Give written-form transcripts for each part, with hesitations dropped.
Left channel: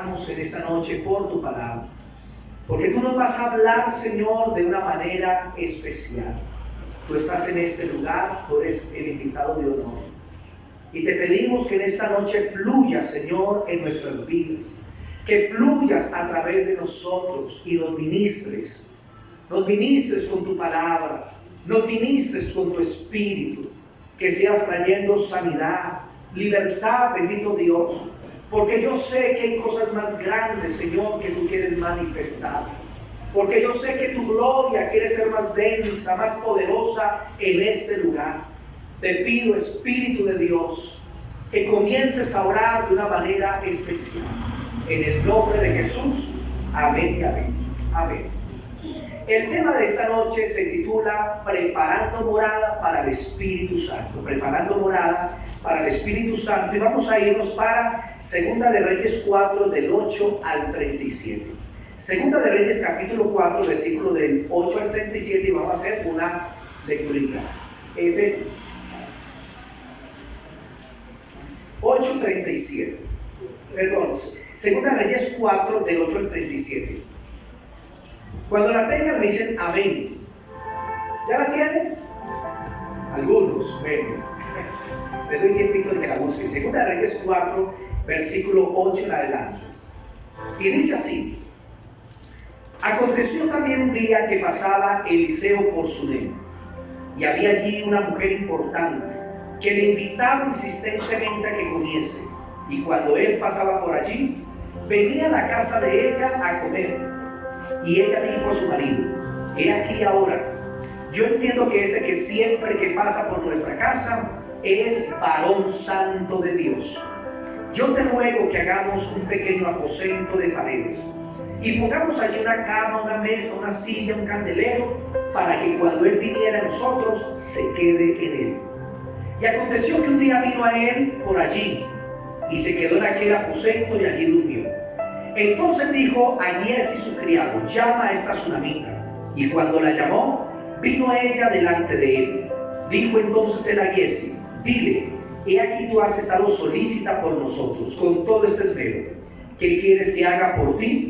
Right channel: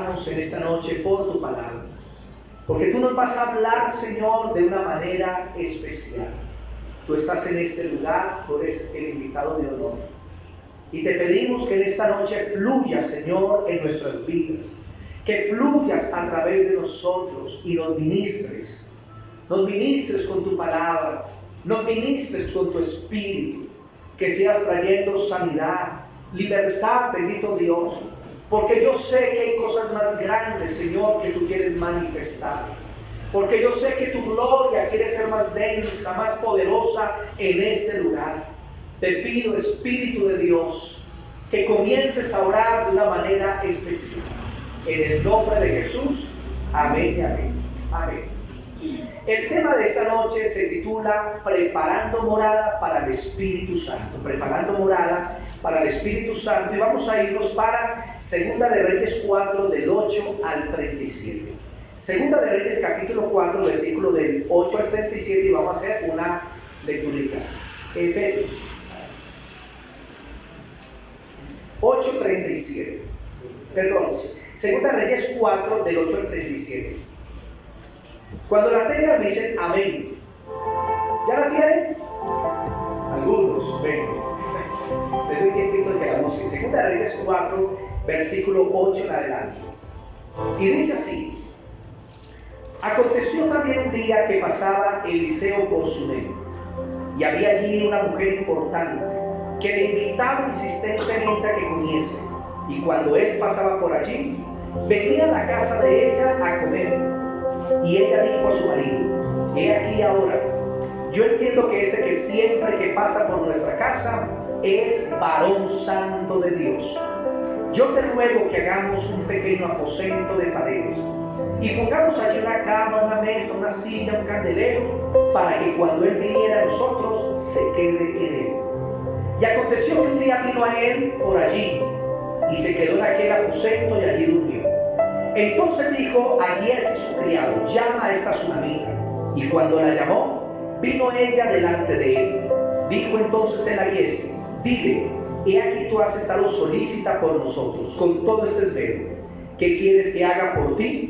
oramos en esta noche por tu palabra, porque tú nos vas a hablar, Señor, de una manera especial. Tú estás en este lugar, tú eres el invitado de honor. Y te pedimos que en esta noche fluyas, Señor, en nuestras vidas, que fluyas a través de nosotros y nos ministres con tu palabra, nos ministres con tu espíritu, que seas trayendo sanidad, libertad, bendito Dios, porque yo sé que hay cosas más grandes, Señor, que tú quieres manifestar, porque yo sé que tu gloria quiere ser más densa, más poderosa en este lugar. Te pido, Espíritu de Dios, que comiences a orar de una manera especial, en el nombre de Jesús. Amén y amén. Amén. El tema de esta noche se titula Preparando morada para el Espíritu Santo. Preparando morada para el Espíritu Santo. Y vamos a irnos para Segunda de Reyes 4, del 8 al 37. Segunda de Reyes capítulo 4, versículo del 8 al 37. Y vamos a hacer una lecturita. 8:37. Perdón. Segunda de Reyes 4, del 8 al 37. Cuando la tengan me dicen amén. ¿Ya la tienen? Algunos, bueno. Les doy tiempito de que la busquen. Segunda de Reyes 4, versículo 8 en adelante. Y dice así: Aconteció también un día que pasaba Eliseo por Sunem, y había allí una mujer importante que le invitaba insistentemente a que comiese. Y cuando él pasaba por allí, venía a la casa de ella a comer. Y ella dijo a su marido: He aquí ahora, yo entiendo que ese que siempre que pasa por nuestra casa es varón santo de Dios. Yo te ruego que hagamos un pequeño aposento de paredes y pongamos allí una cama, una mesa, una silla, un candelero, para que cuando él viniera a nosotros se quede en él. Y aconteció que un día vino a él por allí y se quedó en aquel aposento y allí durmió. Entonces dijo a Giesi su criado: Llama a esta tsunamita. Y cuando la llamó, vino ella delante de él. Dijo entonces él a Giesi: Dile, he aquí tú has estado solícita por nosotros con todo este esmero. ¿Qué quieres que haga por ti?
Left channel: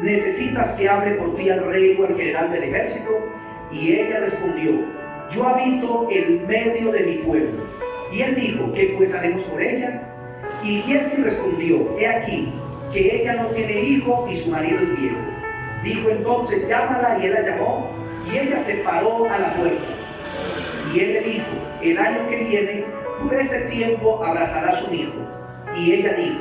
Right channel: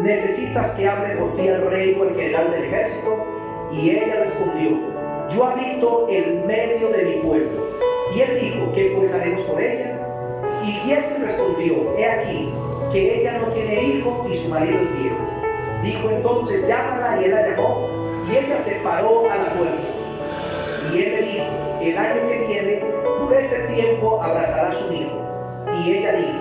¿Necesitas que hable por ti al rey o al general del ejército? Y ella respondió: Yo habito en medio de mi pueblo. Y él dijo: ¿Qué pues haremos por ella? Y Giesi respondió: He aquí que ella no tiene hijo y su marido es viejo. Dijo entonces: Llámala. Y él la llamó, y ella se paró a la puerta. Y él le dijo: El año que viene, por este tiempo, abrazarás un hijo. Y ella dijo:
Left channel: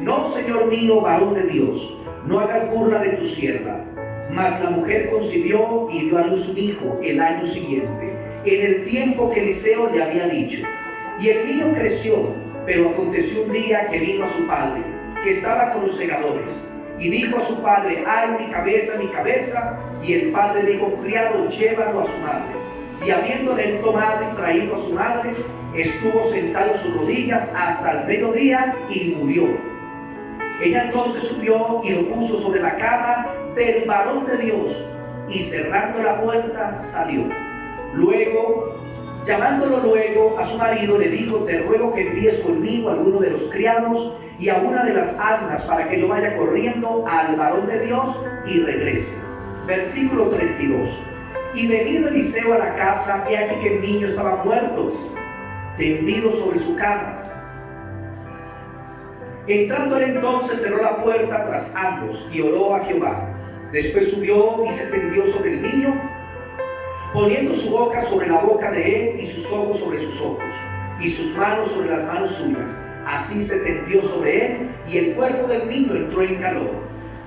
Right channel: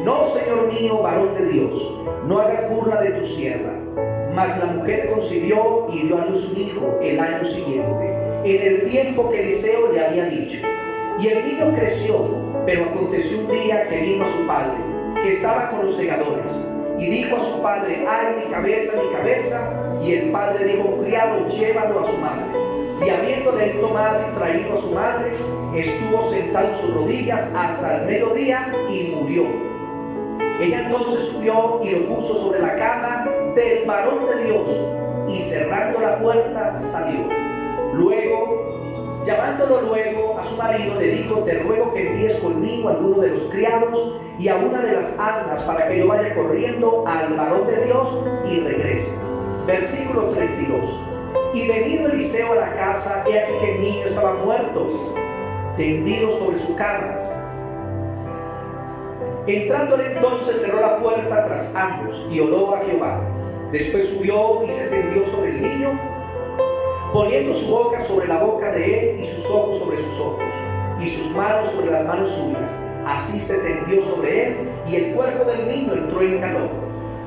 No, señor mío, varón de Dios, no hagas burla de tu sierva. Mas la mujer concibió y dio a luz un hijo el año siguiente, en el tiempo que Eliseo le había dicho. Y el niño creció, pero aconteció un día que vino a su padre, que estaba con los segadores, y dijo a su padre: Ay, mi cabeza, mi cabeza. Y el padre dijo: Criado, llévalo a su madre. Y habiéndole él tomado y traído a su madre, estuvo sentado en sus rodillas hasta el mediodía y murió. Ella entonces subió y lo puso sobre la cama del varón de Dios, y cerrando la puerta salió. Llamándolo luego a su marido, le dijo: Te ruego que envíes conmigo a alguno de los criados y a una de las asnas, para que yo vaya corriendo al varón de Dios y regrese. Versículo 32. Y venido Eliseo a la casa, he aquí que el niño estaba muerto, tendido sobre su cama. Entrándole entonces, cerró la puerta tras ambos y oró a Jehová. Después subió y se tendió sobre el niño, poniendo su boca sobre la boca de él y sus ojos sobre sus ojos y sus manos sobre las manos suyas. Así se tendió sobre él, y el cuerpo del niño entró en calor.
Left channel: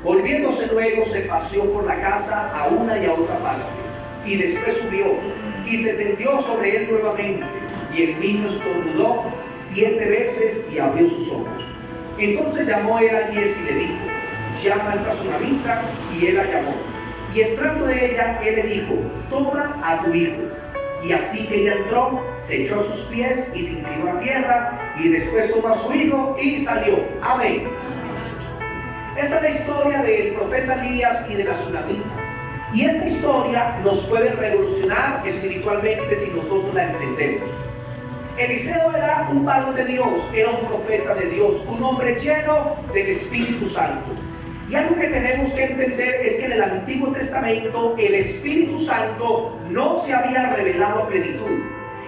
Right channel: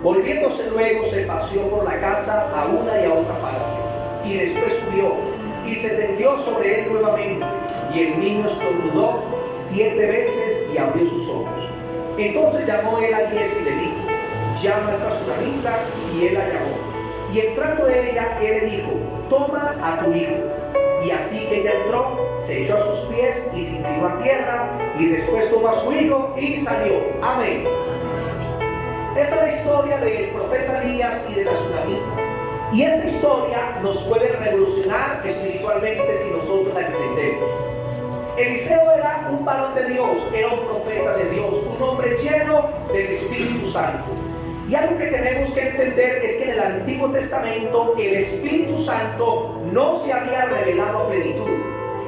Volviéndose luego, se paseó por la casa a una y a otra parte, y después subió y se tendió sobre él nuevamente, y el niño estornudó 7 veces y abrió sus ojos. Entonces llamó él a Giesi y le dijo: Llama a esta tsunamita. Y él la llamó. Y entrando ella, él le dijo: Toma a tu hijo. Y así que ella entró, se echó a sus pies y se inclinó a tierra, y después tomó a su hijo y salió. Amén. Esta es la historia del profeta Elías y de la tsunamita. Y esta historia nos puede revolucionar espiritualmente si nosotros la entendemos. Eliseo era un varón de Dios, era un profeta de Dios, un hombre lleno del Espíritu Santo. Y algo que tenemos que entender es que en el Antiguo Testamento el Espíritu Santo no se había revelado a plenitud.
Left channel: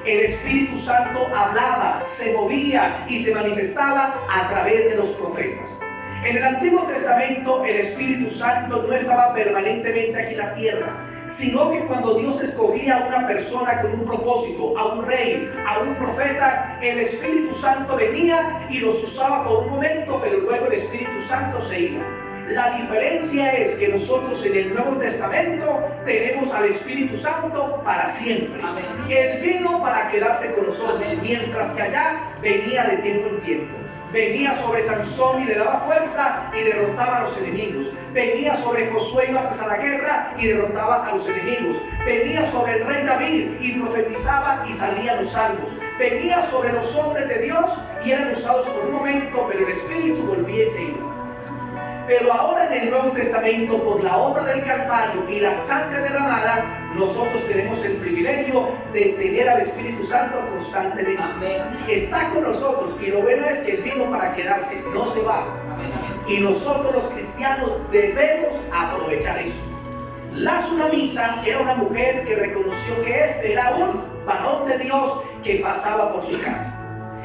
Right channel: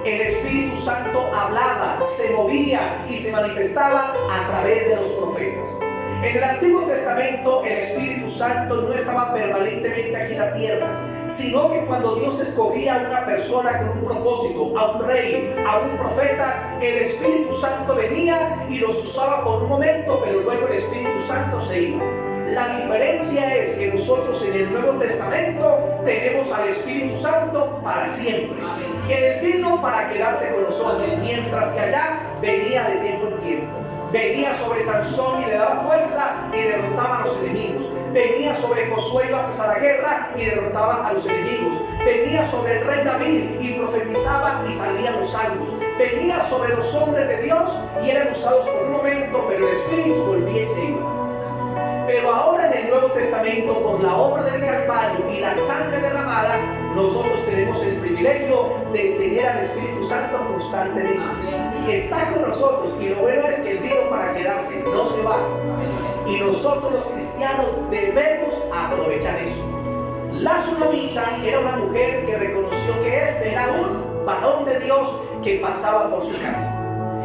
El Espíritu Santo hablaba, se movía y se manifestaba a través de los profetas. En el Antiguo Testamento el Espíritu Santo no estaba permanentemente aquí en la tierra, sino que cuando Dios escogía a una persona con un propósito, a un rey, a un profeta, el Espíritu Santo venía y los usaba por un momento, pero luego el Espíritu Santo se iba. La diferencia es que nosotros en el Nuevo Testamento tenemos al Espíritu Santo para siempre. Él vino para quedarse con nosotros, mientras que allá venía de tiempo en tiempo. Venía sobre Sansón y le daba fuerza y derrotaba a los enemigos. Venía sobre Josué y iba a empezar la guerra y derrotaba a los enemigos. Venía sobre el rey David y profetizaba y salían los salvos. Venía sobre los hombres de Dios y eran usados por un momento, pero el Espíritu volvía y se iba. Pero ahora en el Nuevo Testamento, por la obra del Calvario y la sangre derramada, nosotros tenemos el privilegio de tener al Espíritu Santo constantemente. Amén. Está con nosotros y lo bueno es que Él vino para quedarse, no se va. Amén. Y nosotros los cristianos debemos aprovechar eso. La Tsunamita era una mujer que reconoció que este era un varón de Dios que pasaba por su casa.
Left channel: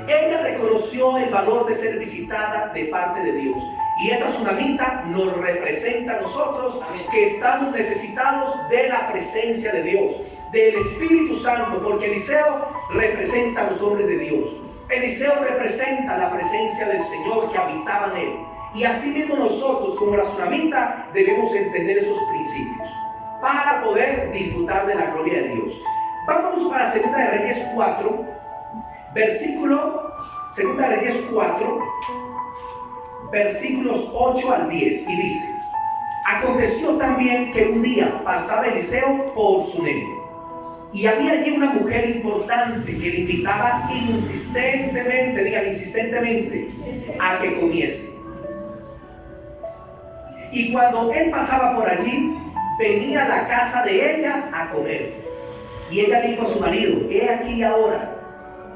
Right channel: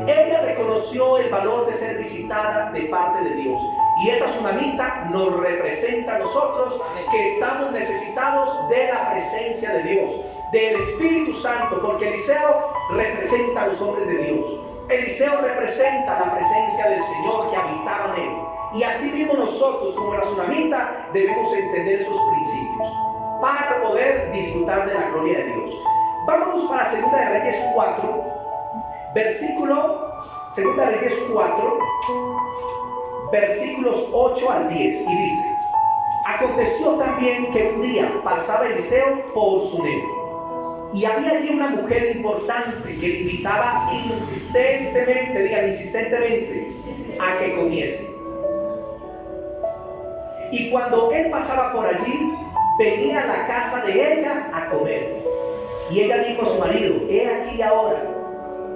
Ella reconoció el valor de ser visitada de parte de Dios. Y esa tsunamita nos representa a nosotros que estamos necesitados de la presencia de Dios, del Espíritu Santo, porque Eliseo representa a los hombres de Dios. Eliseo representa la presencia del Señor que habitaba en él. Y así mismo nosotros, como la tsunamita, debemos entender esos principios para poder disfrutar de la gloria de Dios. Vámonos para 2 de Reyes 4, versículo 2 de Reyes 4, versículos 8 al 10, y dice: aconteció también que un día pasaba Eliseo por Sunem, y había allí una mujer importante que le invitaba insistentemente, digan insistentemente, a que comiese. Y cuando él pasaba por allí, venía a la casa de ella a comer. Y ella dijo a su marido: he aquí ahora,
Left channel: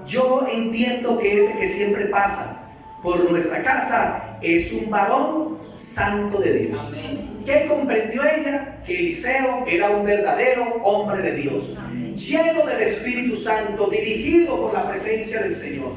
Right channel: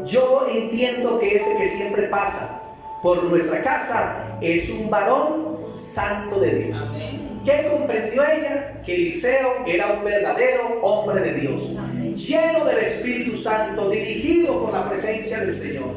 yo entiendo que ese que siempre pasa por nuestra casa es un varón santo de Dios. Amén. ¿Qué comprendió ella? Que Eliseo era un verdadero hombre de Dios, lleno del Espíritu Santo, dirigido por la presencia del Señor.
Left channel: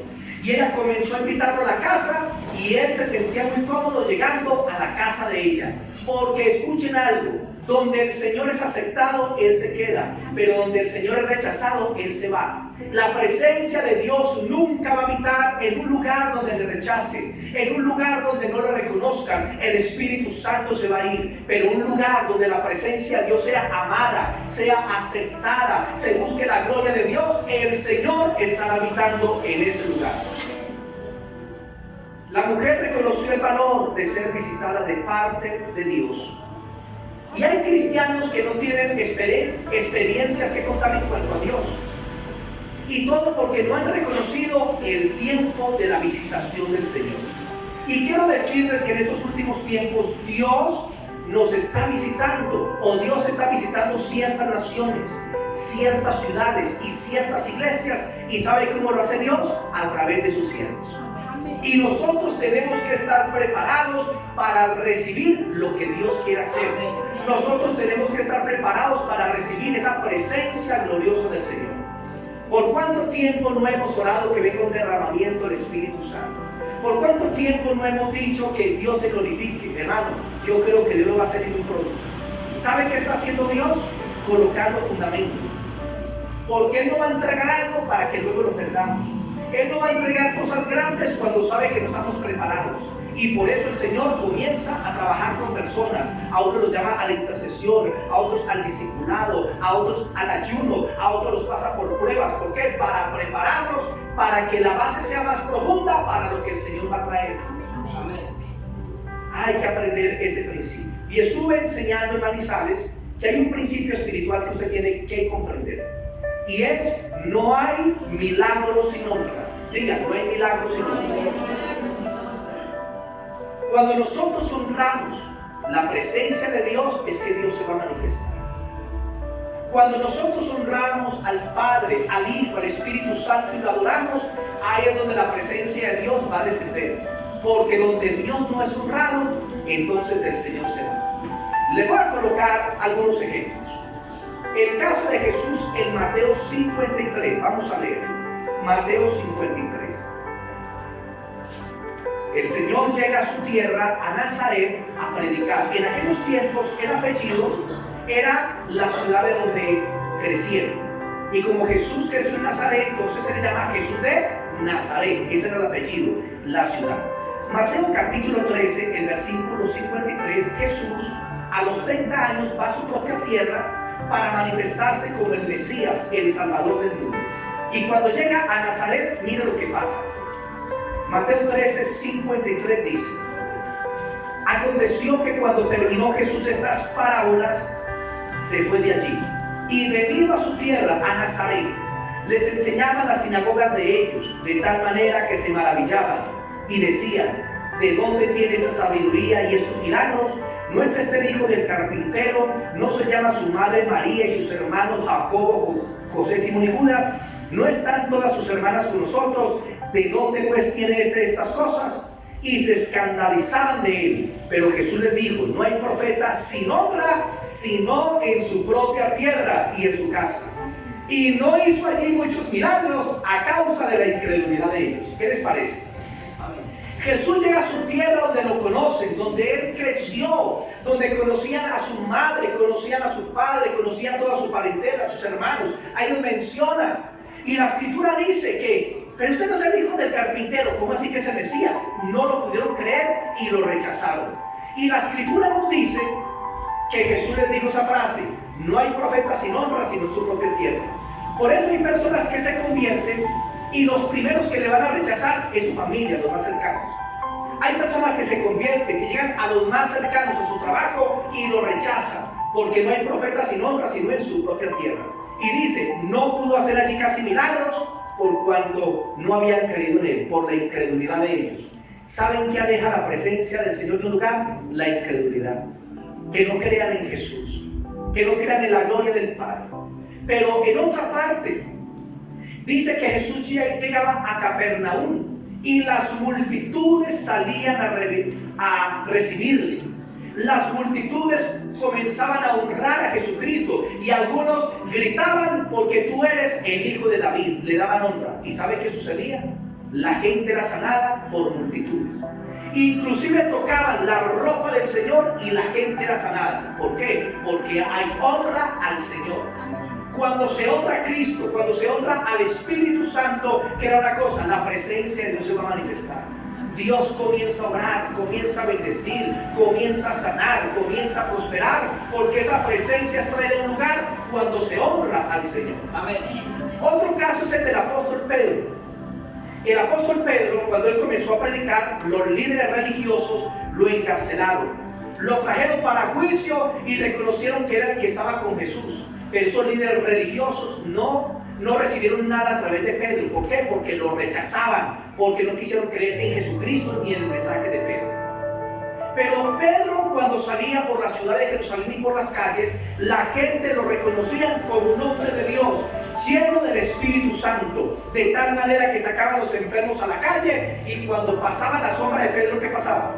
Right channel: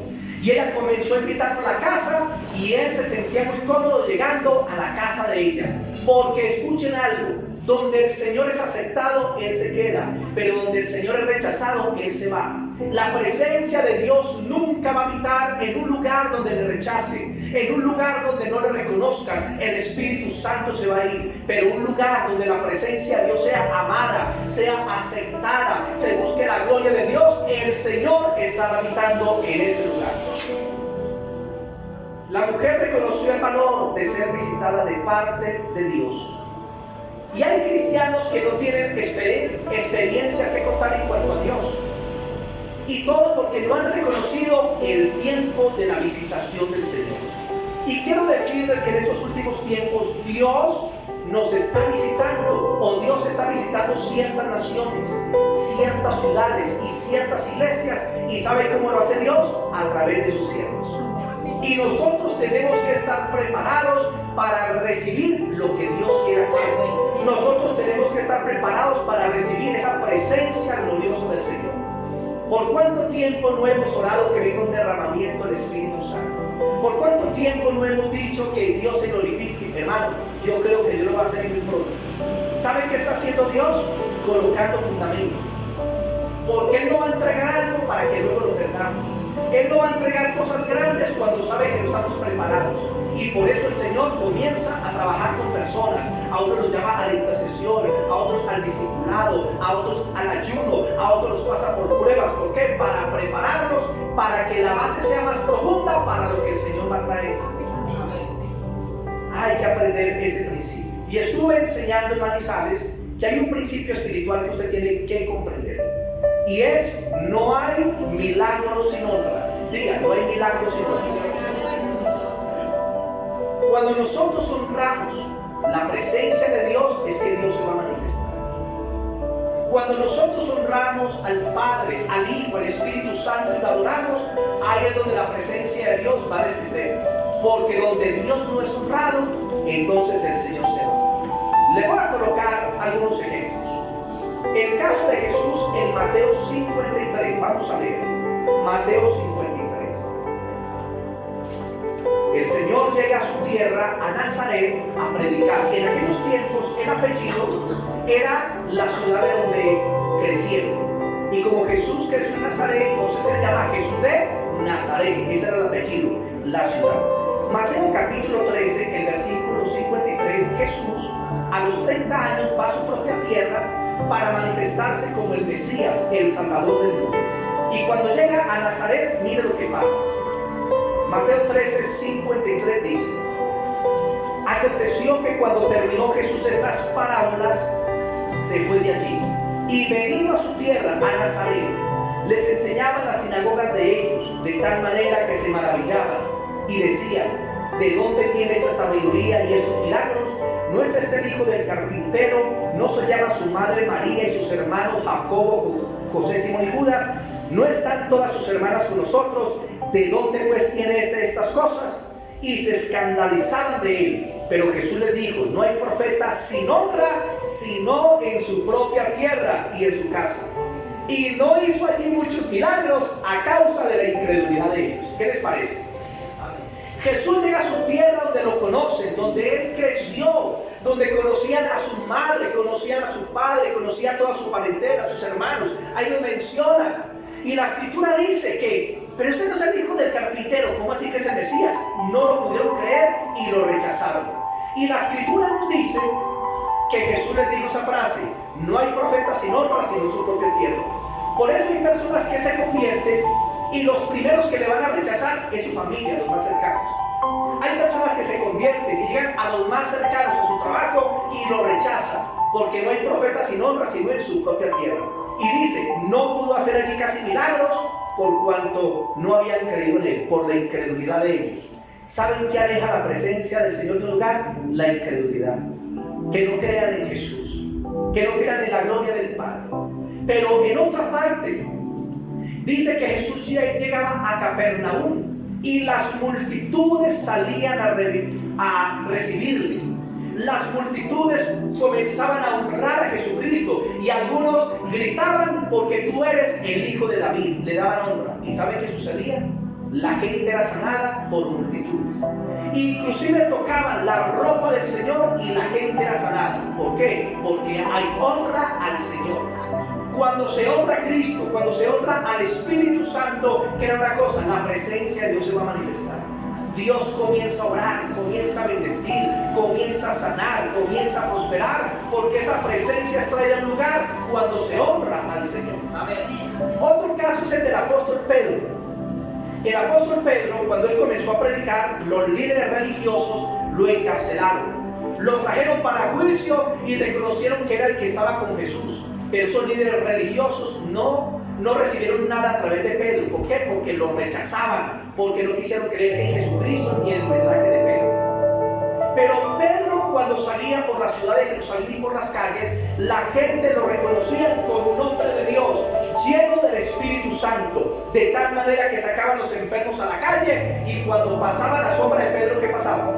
Y ella comenzó a invitarlo a la casa y él se sentía muy cómodo llegando a la casa de ella. Porque escuchen algo, donde el Señor es aceptado, Él se queda, pero donde el Señor es rechazado, Él se va. La presencia de Dios nunca va a habitar en un lugar donde le rechacen, en un lugar donde no le reconozcan. El Espíritu Santo se va a ir, pero un lugar donde la presencia de Dios sea amada, sea aceptada, se busque la gloria de Dios, el Señor estará habitando en ese lugar. La mujer reconoció el valor de ser visitada de parte de Dios. Y hay cristianos que no tienen experiencias que contar en cuanto a Dios. Y todo porque no han reconocido el tiempo de la visitación del Señor. Y quiero decirles que en esos últimos tiempos Dios nos está visitando, o Dios está visitando ciertas naciones, ciertas ciudades y ciertas iglesias. ¿Y sabe cómo lo hace Dios? A través de sus siervos. Y nosotros tenemos que estar preparados para recibir lo que Dios quiere hacer. Nosotros tenemos que estar preparados para recibir esa presencia gloriosa del Señor. ¿Por cuánto tiempo no hemos orado que venga un derramamiento del Espíritu Santo? ¿Por cuánto tiempo no hemos dicho que Dios se glorifique? Hermano, yo creo que Dios lo va a hacer muy pronto. ¿Sabe qué está haciendo Dios? Colocando fundamentos. Porque Él no va a entregar algo para que luego lo perdamos. Él no va a entregar cosas grandes cuando sabe que no estamos preparados. Y por eso el Señor comienza a trabajar con personas. A unos los llama a la intercesión, a otros al discipulado, a otros al ayuno, a otros los pasa por pruebas. ¿Por qué? Para prepararlos, para que la base sea más profunda para lo que el Señor va a traer. Amén. Hay que aprender ese principio. Y estuve enseñando en Manizales que hay un principio espiritual que usted tiene que comprender. Y es: no hay milagros sin honra. Diga, no hay milagros sin honra. Cuando nosotros honramos la presencia de Dios, es que Dios se va a manifestar. Cuando nosotros honramos al Padre, al Hijo, al Espíritu Santo y lo adoramos, ahí es donde la presencia de Dios va a descender. porque donde Dios no es honrado, entonces el Señor se va. Le voy a colocar algunos ejemplos. El caso de Jesús en Mateo 53, vamos a leer Mateo 53. El Señor llega a su tierra, a Nazaret, a predicar. En aquellos tiempos el apellido era la ciudad de donde crecieron. Y como Jesús creció en Nazaret, entonces se le llama Jesús de Nazaret. Ese era el apellido, la ciudad. Mateo capítulo 13, el versículo 53, Jesús a los 30 años va a su propia tierra para manifestarse como el Mesías, el Salvador del mundo. Y cuando llega a Nazaret, mire lo que pasa. Mateo 13, 53 dice: aconteció que cuando terminó Jesús estas parábolas, se fue de allí. Y venido a su tierra, a Nazaret, les enseñaba en las sinagogas de ellos, de tal manera que se maravillaban y decían: ¿de dónde tiene esa sabiduría y esos milagros? ¿No es este el hijo del carpintero? ¿No se llama su madre María y sus hermanos Jacobo, José, Simón y Judas? ¿No están todas sus hermanas con nosotros? ¿De dónde pues tiene estas cosas? Y se escandalizaban de él. Pero Jesús les dijo: no hay profeta sin honra, sino en su propia tierra y en su casa. Y no hizo allí muchos milagros a causa de la incredulidad de ellos. ¿Qué les parece? Jesús llega a su tierra donde lo conocen, donde él creció, donde conocían a su madre, conocían a su padre, conocían toda su parentela, a sus hermanos. Ahí lo menciona. Y la escritura dice que: pero este no es el hijo del carpintero. ¿Cómo así que es el Mesías? No lo pudieron creer y lo rechazaron. Y la escritura nos dice que Jesús les dijo esa frase: no hay profeta sin honra, sino en su propia tierra. Por eso hay personas que se convierten y los primeros que le van a rechazar es su familia, los más cercanos. Hay personas que se convierten y llegan a los más cercanos en su trabajo y lo rechazan, porque no hay profeta sin honra, sino en su propia tierra. Y dice: no pudo hacer allí casi milagros por cuanto no habían creído en él, por la incredulidad de ellos. ¿Saben qué aleja la presencia del Señor de un lugar? La incredulidad. Que no crean en Jesús, que no crean en la gloria del Padre. Pero en otra parte dice que Jesús llegaba a Capernaum y las multitudes salían a recibirle. Las multitudes comenzaban a honrar a Jesucristo y algunos gritaban: porque tú eres el hijo de David. Le daban honra. ¿Y sabe qué sucedía? La gente era sanada por multitudes. Inclusive tocaban la ropa del Señor y la gente era sanada. ¿Por qué? Porque hay honra al Señor. Cuando se honra a Cristo, cuando se honra al Espíritu Santo, crea una cosa: la presencia de Dios se va a manifestar. Dios comienza a orar, comienza a bendecir, comienza a sanar, comienza a prosperar, porque esa presencia es traída a un lugar cuando se honra al Señor. Amén. Otro caso es el del apóstol Pedro. El apóstol Pedro, cuando él comenzó a predicar, los líderes religiosos lo encarcelaron, lo trajeron para juicio y reconocieron que era el que estaba con Jesús. Pero esos líderes religiosos no recibieron nada a través de Pedro. ¿Por qué? Porque lo rechazaban, porque no quisieron creer en Jesucristo ni en el mensaje de Pedro. Pero Pedro, cuando salía por la ciudad de Jerusalén y por las calles, la gente lo reconocía como un hombre de Dios, lleno del Espíritu Santo, de tal manera que sacaban los enfermos a la calle, y cuando pasaba la sombra de Pedro, ¿qué pasaba?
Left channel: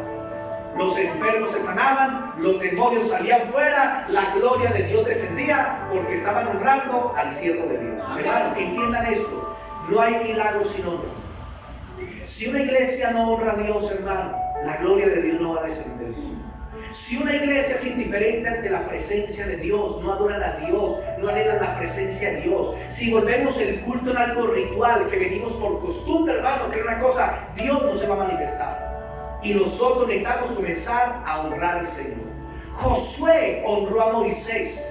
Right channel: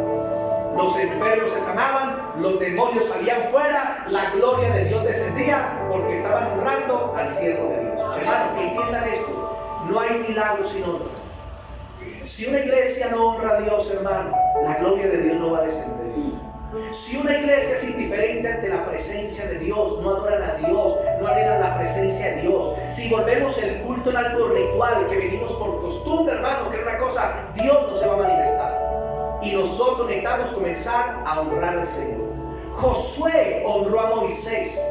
Los enfermos se sanaban, los demonios salían fuera, la gloria de Dios descendía, porque estaban honrando al siervo de Dios. Hermano, entiendan esto: no hay milagros sin honra. Si una iglesia no honra a Dios, hermano, la gloria de Dios no va a descender. Si una iglesia es indiferente ante la presencia de Dios, no adoran a Dios, no anhelan la presencia de Dios, si volvemos el culto en algo ritual, que venimos por costumbre, hermano, que es una cosa, Dios no se va a manifestar. Y nosotros necesitamos comenzar a honrar al Señor. Josué honró a Moisés,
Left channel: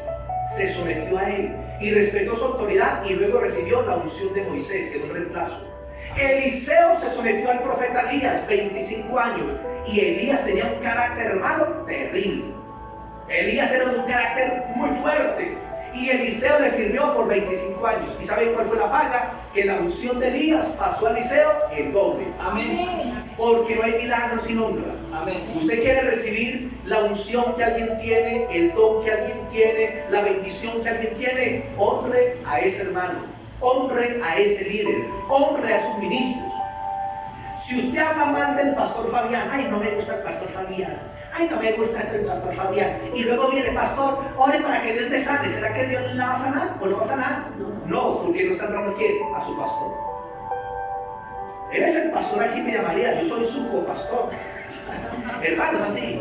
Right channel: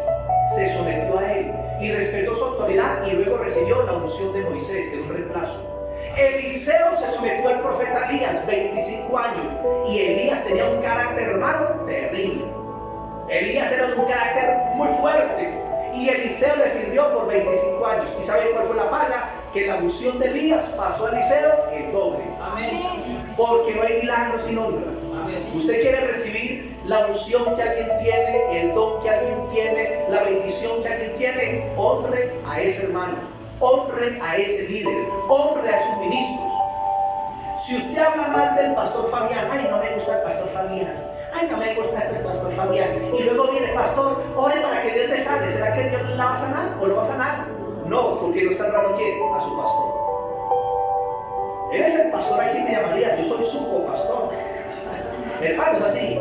se sometió a él y respetó su autoridad, y luego recibió la unción de Moisés, que es un reemplazo. Eliseo se sometió al profeta Elías, 25 años, y Elías tenía un carácter, hermano, terrible. Elías era de un carácter muy fuerte, y Eliseo le sirvió por 25 años. ¿Y saben cuál fue la paga? Que la unción de Elías pasó a Eliseo el doble. Amén. Porque no hay milagros sin honra. Amén. Usted quiere recibir la unción que alguien tiene, el don que alguien tiene, la bendición que alguien tiene, honre a ese hermano, honre a ese líder, honre a sus ministros. Si usted habla mal del pastor Fabián, ay, no me gusta el pastor Fabián, ay, no me gusta el pastor Fabián, y luego viene, pastor, ore para que Dios me sane, ¿será que Dios la va a sanar o no va a sanar? No, porque no está hablando a quién, a su pastor. Él es el pastor aquí me llamaría, yo soy su copastor. Hermano, es así.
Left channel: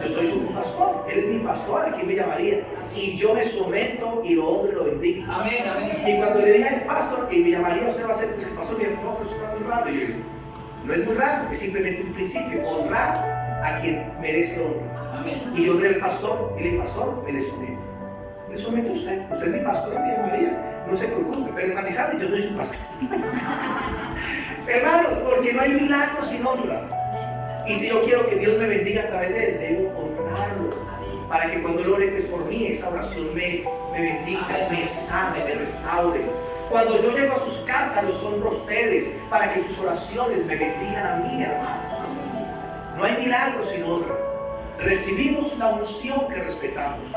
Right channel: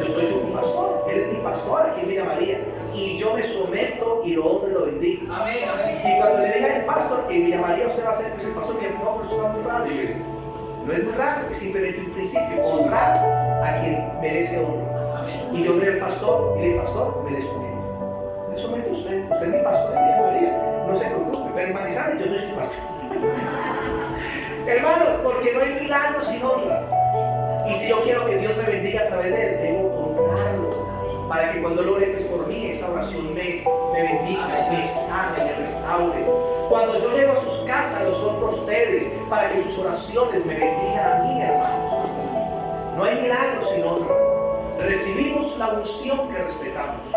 Yo soy su pastor, él es mi pastor, aquí me llamaría. Y yo me someto y lo honro y lo bendigo. Amén, amén. Y cuando le diga el pastor, y me llamaría, usted va a ser, pues el pastor me dice, no, pero eso está muy raro. Y yo, no es muy raro, es simplemente un principio, honrar a quien merece honra. Amén. Y yo honré al pastor y le dije, pastor, me le someto. Me someto a usted es mi pastor y me llamaría. No se preocupe, pero hermanizarle, yo soy su pastor. Hermanos, porque no hay milagro sin honra. Y si yo quiero que Dios me bendiga a través de él, debo honrarlo. Para que cuando lo ore pues por mí, esa oración me bendiga, me sane, me restaure. Cuando yo llego a sus casas, los honro a ustedes, para que sus oraciones me bendigan a mí, hermanos. No hay milagro sin honra. Recibimos la unción que respetamos.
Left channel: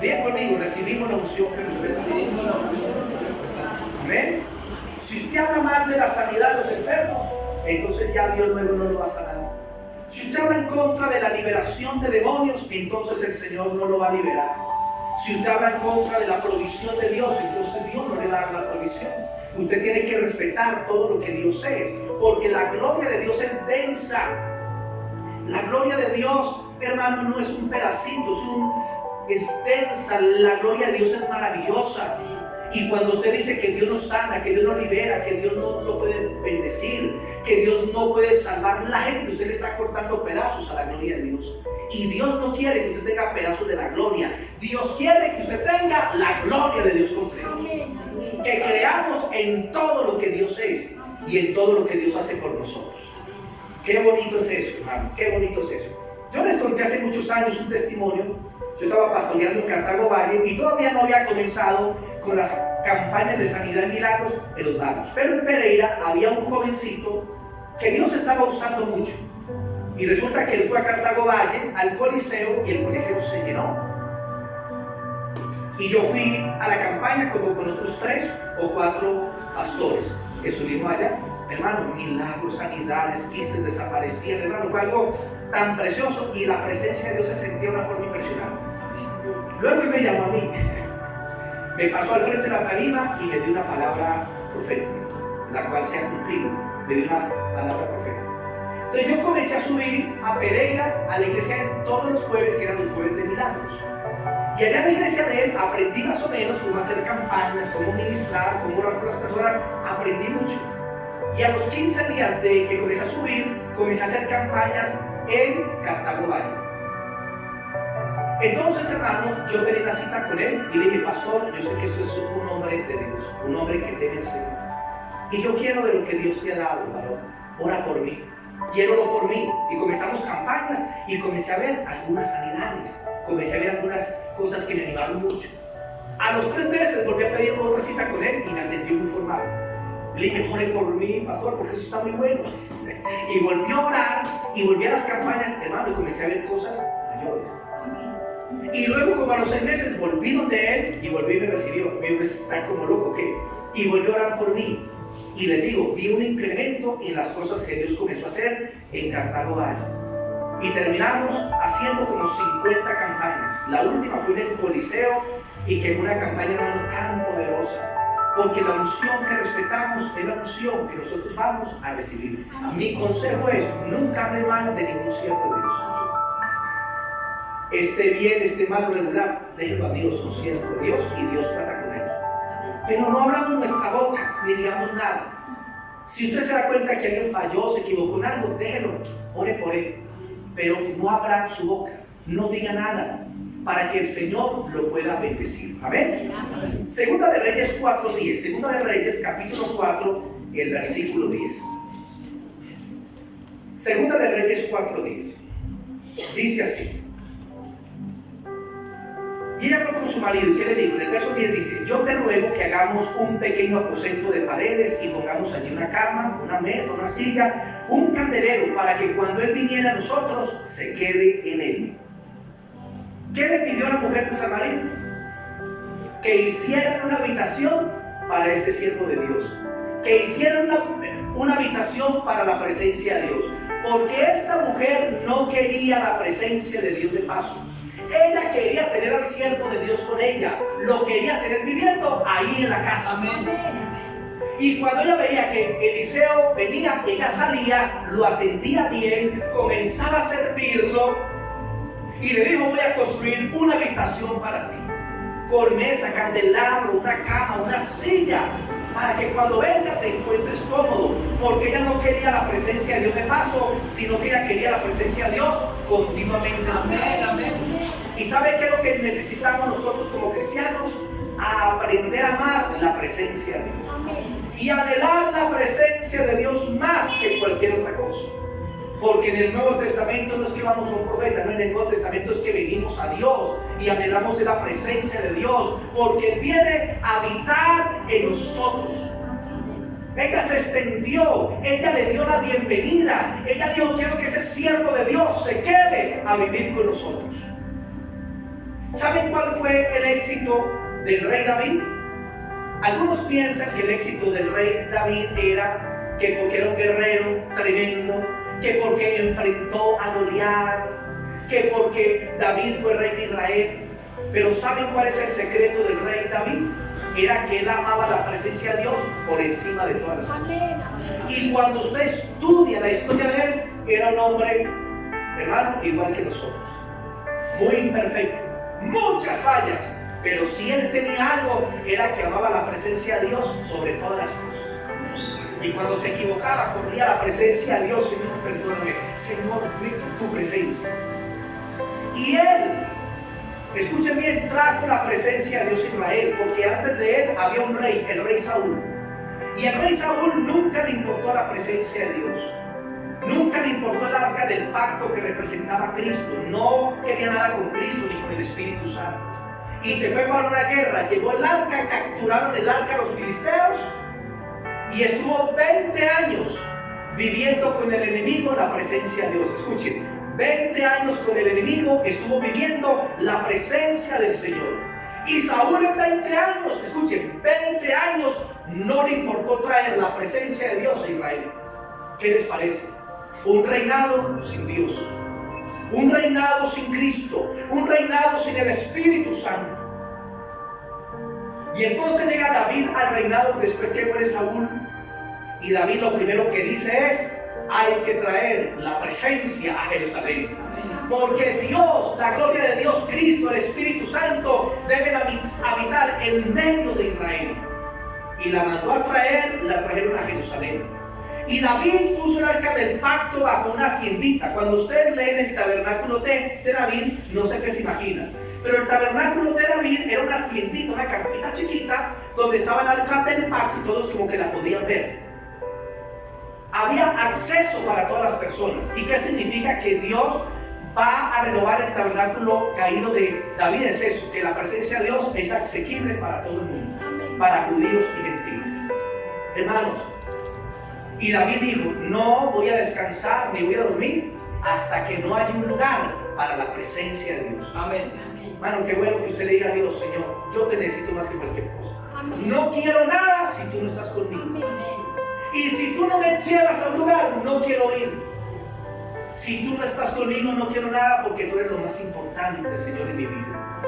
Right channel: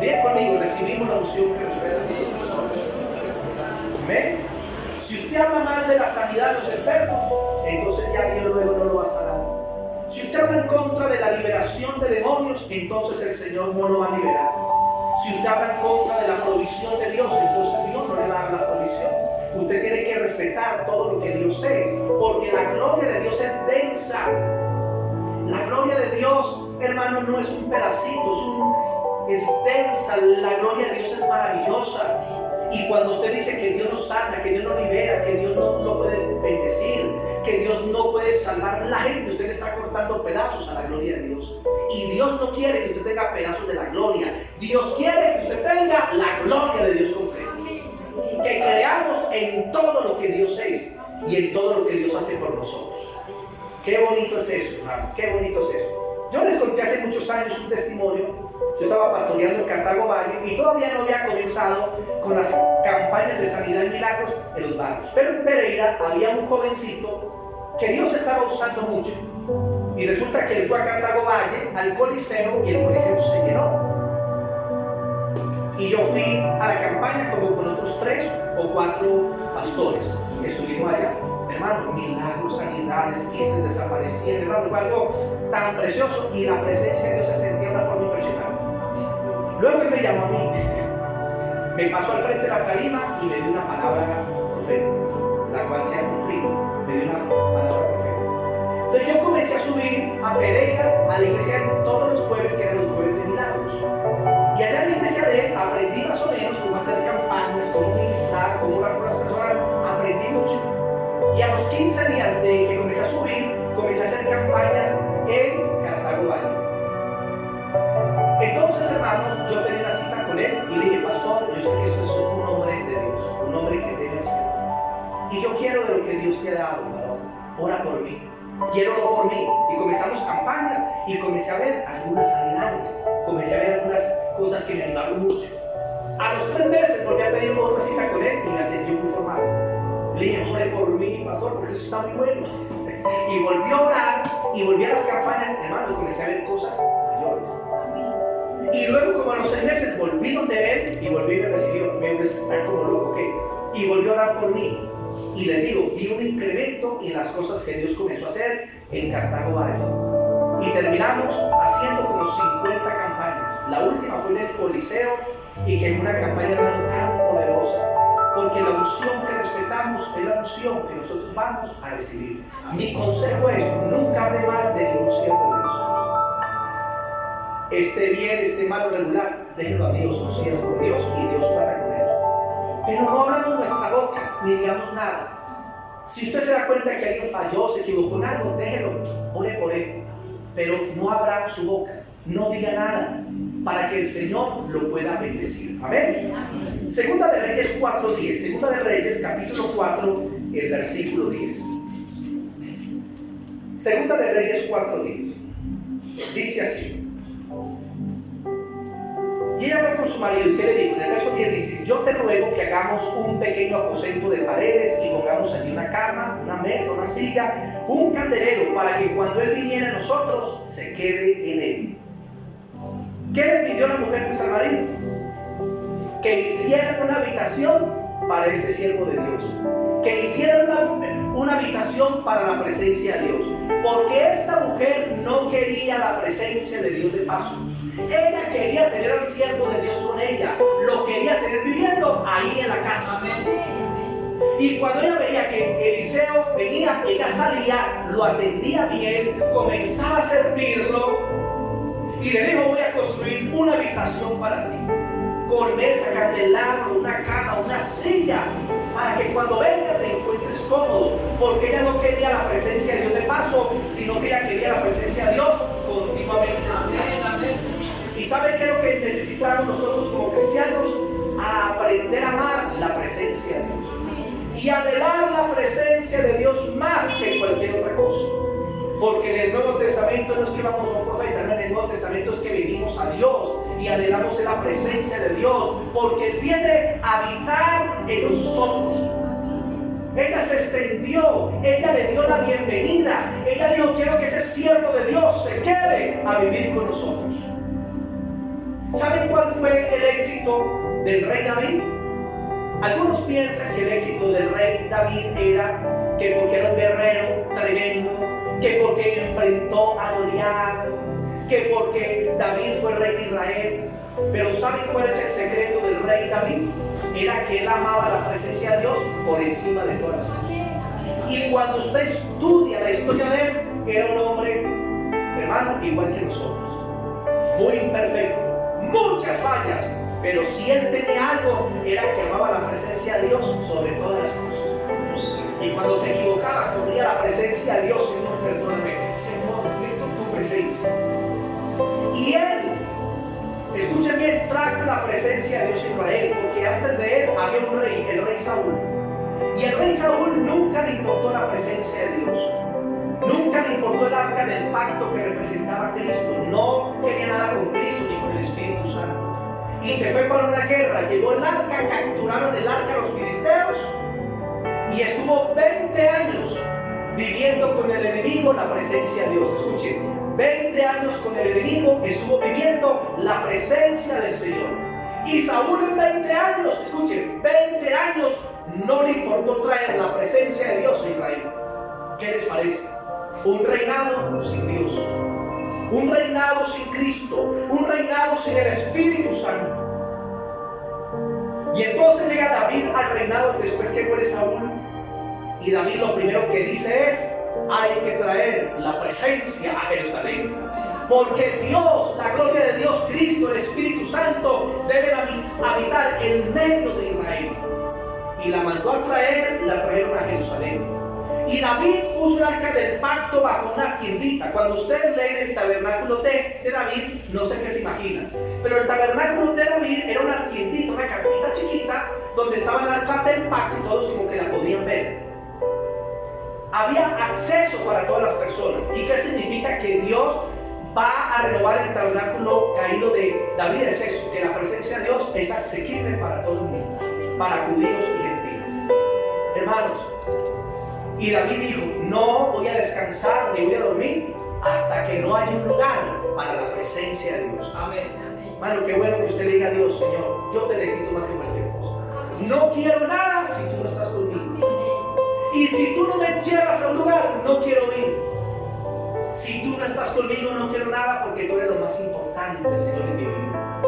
Digan conmigo, recibimos la unción que respetamos. Amén. Si usted habla mal de la sanidad de los enfermos, entonces ya Dios luego no lo va a sanar. Si usted habla en contra de la liberación de demonios, entonces el Señor no lo va a liberar. Si usted habla en contra de la provisión de Dios, entonces Dios no le va a dar la provisión. Usted tiene que respetar todo lo que Dios es, porque la gloria de Dios es densa. La gloria de Dios, hermano, no es un pedacito, es densa. La gloria de Dios es maravillosa. Y cuando usted dice que Dios no sana, que Dios no libera, que Dios no lo puede bendecir, que Dios no puede salvar a la gente, usted le está cortando pedazos a la gloria de Dios. Y Dios no quiere que usted tenga pedazos de la gloria. Dios quiere que usted tenga la gloria de Dios completa. Que creamos en todo lo que Dios es y en todo lo que Dios hace por nosotros. Qué bonito es eso, hermano. Qué bonito es eso. Yo les conté hace muchos años un testimonio. Yo estaba pastoreando en Cartago Valle y todavía no había comenzado con las campañas de sanidad y milagros en los barrios. Pero en Pereira había un jovencito que Dios estaba usando mucho. Y resulta que él fue a Cartago Valle, al Coliseo, y el Coliseo se llenó. Y yo fui a la campaña como con otros 3 o 4 pastores que subimos allá. Hermano, milagros, sanidades, quistes desaparecían, hermano, fue algo tan precioso y la presencia de Dios se sentía de una forma impresionante. Luego él me llamó a mí, me pasó al frente de la tarima y me dio una palabra profética, la cual se ha cumplido. Me dio una palabra profética. Entonces yo comencé a subir a Pereira, a la iglesia todos los jueves, que eran los jueves de milagros. Y allá en la iglesia de él aprendí más o menos cómo hacer campañas, cómo ministrar, cómo orar por las personas. Aprendí mucho. Y a los 15 días de que comencé a subir, comencé a hacer campañas en Cartago Valle. Entonces, hermano, yo tenía una cita con él y le dije, pastor, yo sé que usted es un hombre de Dios, un hombre que teme al Señor. Y yo quiero de lo que Dios te ha dado, varón. Ora por mí. Y él oró por mí. Y comenzamos campañas y comencé a ver algunas sanidades. Comencé a ver algunas cosas que me animaron mucho. A los 3 meses volví a pedir otra cita con él y me atendió muy formal. Le dije, ore por mí, pastor, porque eso está muy bueno. Y volví a orar y volví a las campañas, hermano, y comencé a ver cosas mayores. Y luego, como a los 6 meses, volví donde él y volví y me recibió. Me está como loco, ¿qué? Y volvió a orar por mí. Y les digo, vi un incremento en las cosas que Dios comenzó a hacer en Cartago Valle. Y terminamos haciendo como 50 campañas. La última fue en el Coliseo y que es una campaña tan poderosa. Porque la unción que respetamos es la unción que nosotros vamos a recibir. Mi consejo es, nunca hable mal de ningún siervo de Dios. Esté bien, esté mal o regular, déjelo a Dios, un siervo de Dios, y Dios trata con él. Pero no hablamos nuestra boca, ni digamos nada. Si usted se da cuenta que alguien falló, se equivocó en algo, déjelo, ore por él. Pero no abra su boca, no diga nada, para que el Señor lo pueda bendecir. Amén. Segunda de Reyes 4:10. Segunda de Reyes, capítulo 4, el versículo 10. Segunda de Reyes 4:10. Dice así. Y ella habló con su marido, ¿y qué le dijo? En el verso 10 dice, yo te ruego que hagamos un pequeño aposento de paredes y pongamos allí una cama, una mesa, una silla, un candelero, para que cuando él viniera a nosotros, se quede en él. ¿Qué le pidió la mujer pues al marido? Que hicieran una habitación para ese siervo de Dios. que hiciera una habitación para la presencia de Dios, porque esta mujer no quería la presencia de Dios de paso. Ella quería tener al siervo de Dios con ella, lo quería tener viviendo ahí en la casa. Amén. Y cuando ella veía que Eliseo venía, ella salía, lo atendía bien, comenzaba a servirlo y le dijo: voy a construir una habitación para ti, con mesa, candelabro, una cama, una silla, para que cuando venga te encuentres cómodo, porque ella no quería la presencia de Dios de paso, sino que ella quería la presencia de Dios continuamente en su casa. ¿Y sabe qué es lo que necesitamos nosotros como cristianos? Aprender a amar la presencia de Dios y anhelar la presencia de Dios más que cualquier otra cosa. Porque en el Nuevo Testamento no es que vamos a un profeta, no, en el Nuevo Testamento es que venimos a Dios y anhelamos en la presencia de Dios, porque Él viene a habitar en nosotros. Ella se extendió, ella le dio la bienvenida, ella dijo: quiero que ese siervo de Dios se quede a vivir con nosotros. ¿Saben cuál fue el éxito del rey David? Algunos piensan que el éxito del rey David era que porque era un guerrero tremendo, que porque enfrentó a Goliat, que porque David fue rey de Israel. Pero ¿saben cuál es el secreto del rey David? Era que él amaba la presencia de Dios por encima de todas las cosas. Y cuando usted estudia la historia de él, era un hombre, hermano, igual que nosotros, muy imperfecto, muchas fallas, pero si él tenía algo, era que amaba la presencia de Dios sobre todas las cosas. Y cuando se equivocaba, corría a la presencia de Dios: Señor, perdóname, Señor, necesito tu presencia. Y él, escuchen bien, trajo la presencia de Dios a Israel, porque antes de él había un rey, el rey Saúl. Y el rey Saúl nunca le importó la presencia de Dios, nunca le importó el arca del pacto que representaba a Cristo, no quería nada con Cristo ni con el Espíritu Santo. Y se fue para una guerra, llevó el arca, capturaron el arca a los filisteos y estuvo 20 años viviendo con el enemigo la presencia de Dios. Escuchen, 20 años con el enemigo estuvo viviendo la presencia del Señor. Y Saúl en 20 años, escuchen, 20 años no le importó traer la presencia de Dios a Israel. ¿Qué les parece? Un reinado sin Dios, un reinado sin Cristo, un reinado sin el Espíritu Santo. Y entonces llega David al reinado después que muere Saúl. Y David lo primero que dice es: hay que traer la presencia a Jerusalén, porque Dios, la gloria de Dios, Cristo, el Espíritu Santo deben habitar en medio de Israel. Y la mandó a traer, la trajeron a Jerusalén. Y David puso el arca del pacto bajo una tiendita. Cuando ustedes leen el tabernáculo de David, no sé qué se imaginan, pero el tabernáculo de David era una tiendita, una carpita chiquita, donde estaba el arca del pacto y todos como que la podían ver. Había acceso para todas las personas. ¿Y qué significa? Que Dios va a renovar el tabernáculo caído de David. Es eso, que la presencia de Dios es asequible para todo el mundo, para judíos y gentiles. Hermanos, y David dijo: no voy a descansar ni voy a dormir hasta que no haya un lugar para la presencia de Dios. Amén. Hermano, qué bueno que usted le diga a Dios: Señor, yo te necesito más que cualquier cosa. No quiero nada si tú no estás conmigo. Y si tú no me llevas a un lugar, no quiero ir. Si tú no estás conmigo, no quiero nada, porque tú eres lo más importante, Señor, en mi vida.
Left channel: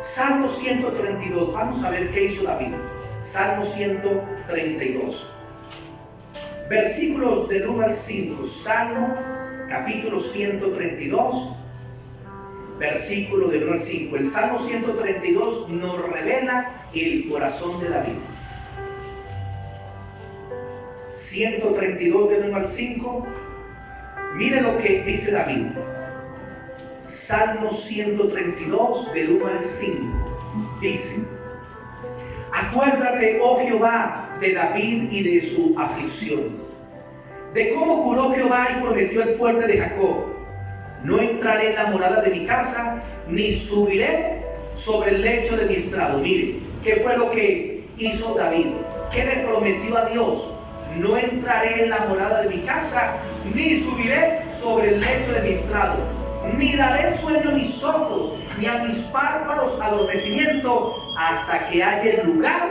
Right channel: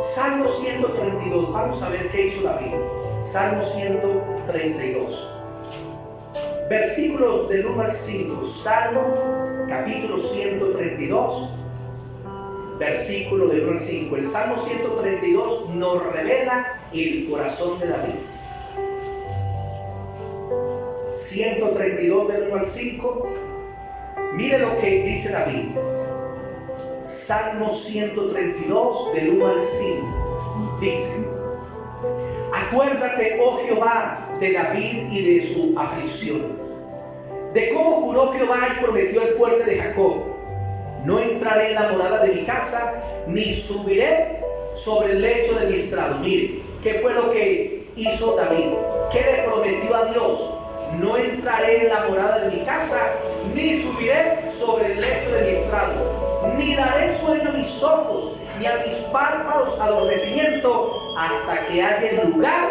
Salmo 132. Vamos a ver qué hizo David. Salmo 132. Versículos del 1 al 5. Salmo capítulo 132. Versículo del 1 al 5. El Salmo 132 nos revela el corazón de David. 132 del 1 al 5. Mire lo que dice David. Salmo 132 del 1 al 5. Dice: acuérdate, oh Jehová, de David y de su aflicción, de cómo juró Jehová y prometió el fuerte de Jacob: no entraré en la morada de mi casa, ni subiré sobre el lecho de mi estrado. Mire, ¿qué fue lo que hizo David? ¿Qué le prometió a Dios? No entraré en la morada de mi casa, ni subiré sobre el lecho de mi estrado, ni daré sueño a mis ojos, ni a mis párpados adormecimiento, hasta que haya el lugar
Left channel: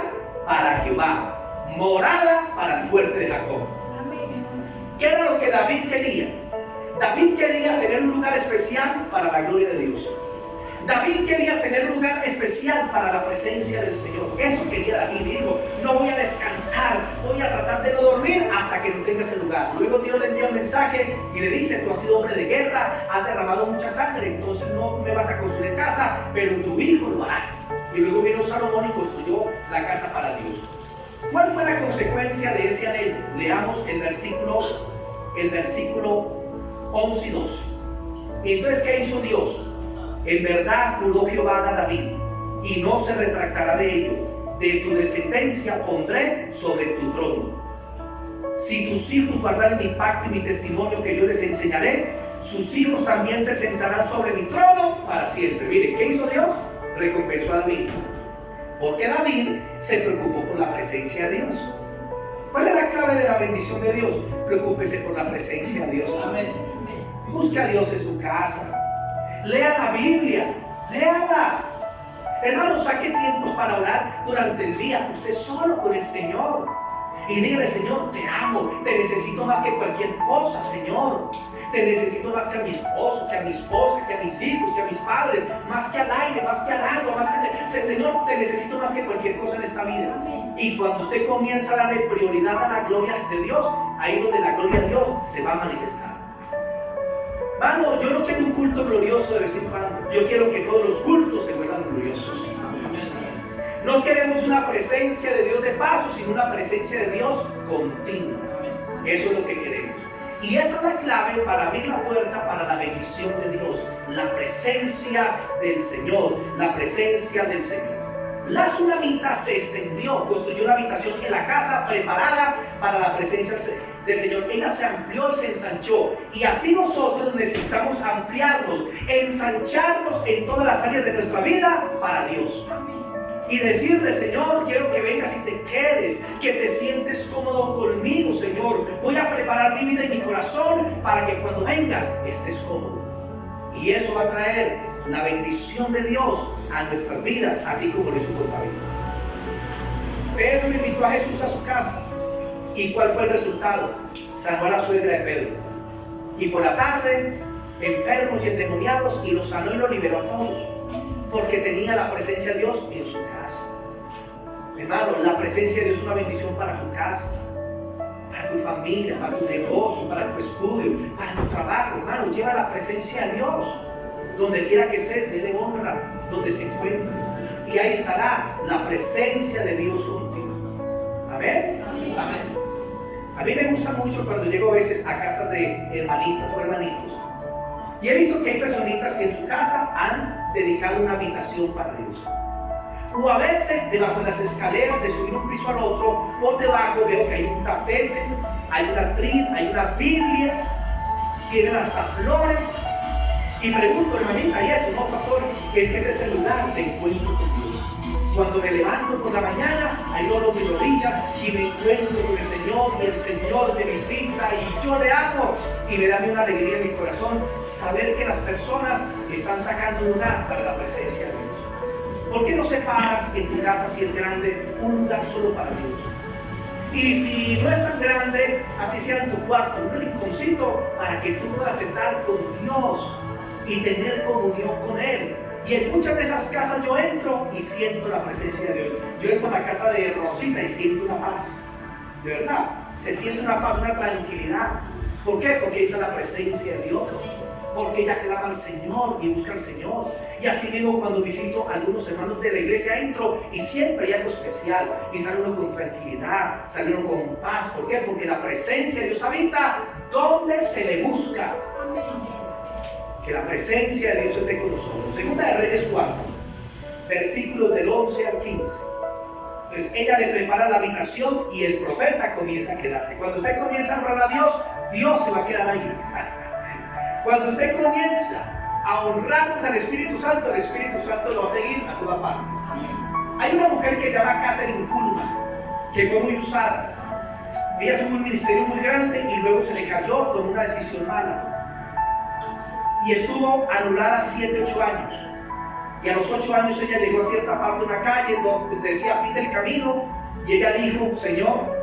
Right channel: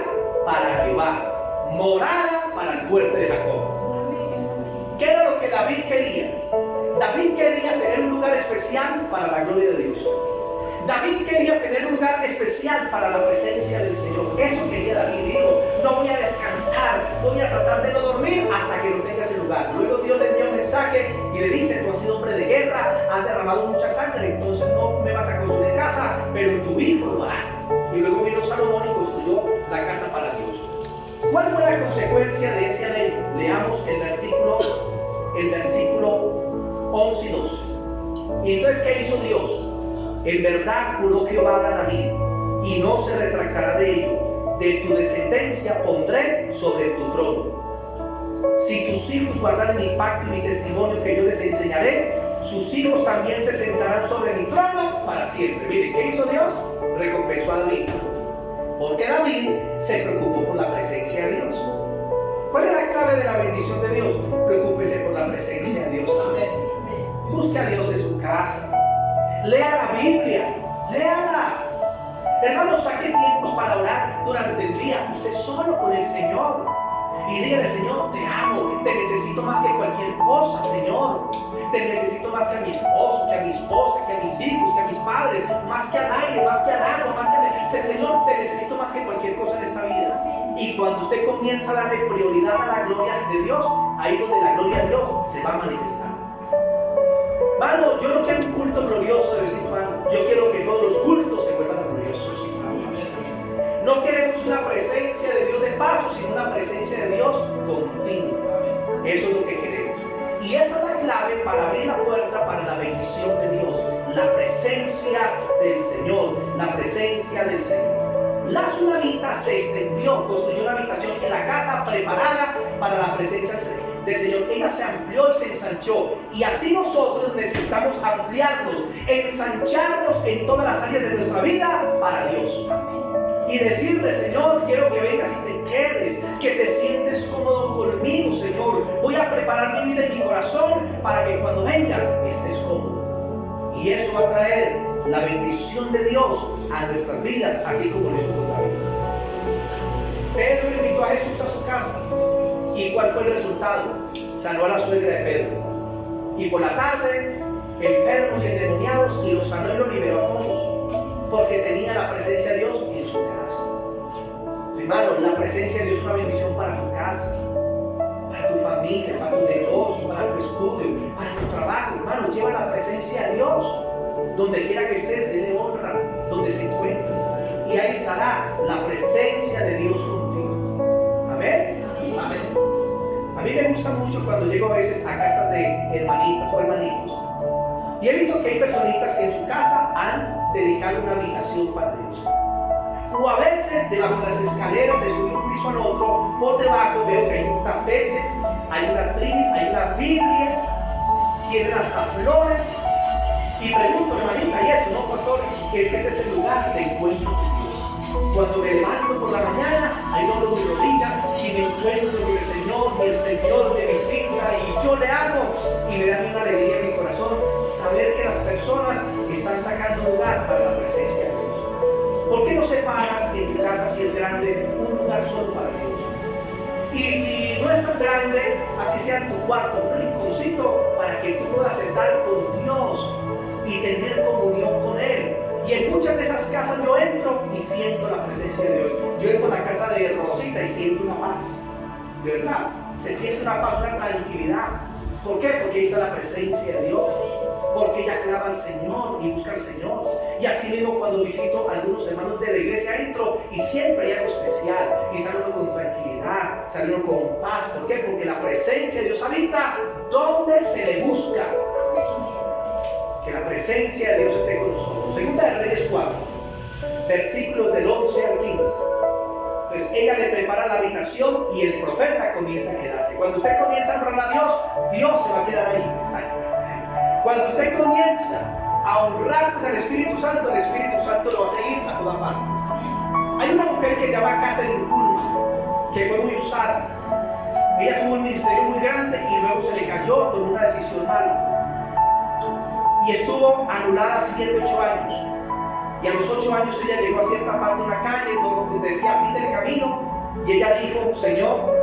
para Jehová, morada para el fuerte de Jacob. ¿Qué era lo que David quería? David quería tener un lugar especial para la gloria de Dios. David quería tener un lugar especial para la presencia del Señor. Eso quería David. Y dijo, no voy a descansar, voy a tratar de no dormir hasta que no tenga ese lugar. Luego Dios le envía un mensaje y le dice, tú has sido hombre de guerra, has derramado mucha sangre, entonces no me vas a construir casa, pero tu hijo lo hará. Y luego vino Salomón y construyó la casa para Dios. ¿Cuál fue la consecuencia de ese anhelo? Leamos el versículo 11 y 12. Y entonces, ¿qué hizo Dios? En verdad juró Jehová a David, y no se retractará de ello. De tu descendencia pondré sobre tu trono. Si tus hijos guardan mi pacto y mi testimonio que yo les enseñaré, sus hijos también se sentarán sobre mi trono para siempre. Miren, ¿qué hizo Dios? Recompensó a David. Porque David se preocupó por la presencia de Dios. ¿Cuál es la clave de la bendición de Dios? Preocúpese por la presencia de Dios. Busque a Dios en su casa. Lea la Biblia, léala. Hermano, saque tiempos para orar durante el día, usted solo con el Señor. Y dígale, Señor, te amo, te necesito más que cualquier cosa, Señor. Te necesito más que a mi esposo, que a mi esposa, que a mis hijos, que a mis padres, más que al aire, más que al agua, más que Señor, te necesito más que cualquier cosa en esta vida. Y cuando usted comienza a darle prioridad a la gloria de Dios, ahí donde la gloria de Dios se va a manifestar. Hermano, yo no quiero un culto glorioso de vez en cuando. Yo quiero que todos los cultos se vuelvan gloriosos. No queremos una presencia de Dios de paso, sino una presencia de Dios continua. Eso es lo que queremos. Y esa es la clave para abrir la puerta para la bendición de Dios. La presencia del Señor. La presencia del Señor. La tsunamita se extendió, construyó una habitación en la casa preparada para la presencia del Señor. Ella se amplió y se ensanchó. Y así nosotros necesitamos ampliarnos, ensancharnos en todas las áreas de nuestra vida para Dios. Y decirle, Señor, quiero que vengas y te quedes, que te sientes cómodo conmigo, Señor. Voy a preparar mi vida y mi corazón para que cuando vengas estés cómodo. Y eso va a traer la bendición de Dios a nuestras vidas, así como lo hizo con David. Pedro invitó a Jesús a su casa. ¿Y cuál fue el resultado? Sanó a la suegra de Pedro. Y por la tarde, enfermos y endemoniados, y los sanó y los liberó a todos, porque tenía la presencia de Dios en su casa. Hermano, la presencia de Dios es una bendición para tu casa, para tu familia, para tu negocio, para tu estudio, para tu trabajo. Hermano, lleva la presencia de Dios donde quiera que estés, dele honra donde se encuentre, y ahí estará la presencia de Dios contigo. Amén. Amén. A mí me gusta mucho cuando llego a veces a casas de hermanitas o hermanitos, y he visto que hay personitas que en su casa han dedicado una habitación para Dios. O a veces debajo de las escaleras, de subir un piso al otro, por debajo veo que hay un tapete, hay una atril, hay una Biblia, tienen hasta flores. Y pregunto, hermanita, ¿y eso? No, pastor, es que ese es el lugar de encuentro con Dios. Cuando me levanto por la mañana, ahí doblo mis rodillas y me encuentro con el Señor, y el Señor me visita y yo le amo, y me da una alegría en mi corazón saber que las personas están sacando un lugar para la presencia de Dios. ¿Por qué no separas en tu casa, si es grande, un lugar solo para Dios? Y si no es tan grande, así sea en tu cuarto, un rinconcito para que tú puedas estar con Dios y tener comunión con Él. Y en muchas de esas casas yo entro y siento la presencia de Dios. Yo entro a la casa de Rosita y siento una paz. De verdad, se siente una paz, una tranquilidad. ¿Por qué? Porque ahí está la presencia de Dios. Porque ella clama al Señor y busca al Señor. Y así mismo cuando visito a algunos hermanos de la iglesia, entro y siempre hay algo especial. Y sale uno con tranquilidad, sale uno con paz. ¿Por qué? Porque la presencia de Dios habita donde se le busca. Que la presencia de Dios esté con nosotros. Segunda de Reyes 4, versículos del 11 al 15. Entonces ella le prepara la habitación y el profeta comienza a quedarse. Cuando usted comienza a honrar a Dios, Dios se va a quedar ahí. Cuando usted comienza a honrar pues, al Espíritu Santo, el Espíritu Santo lo va a seguir a toda parte. Hay una mujer que se llama Catherine Kuhlman, que fue muy usada. Ella tuvo un ministerio muy grande y luego se le cayó por una decisión mala. Y estuvo anulada 7, 8 años. Y a los 8 años ella llegó a cierta parte de una calle donde decía fin del camino. Y ella dijo, Señor,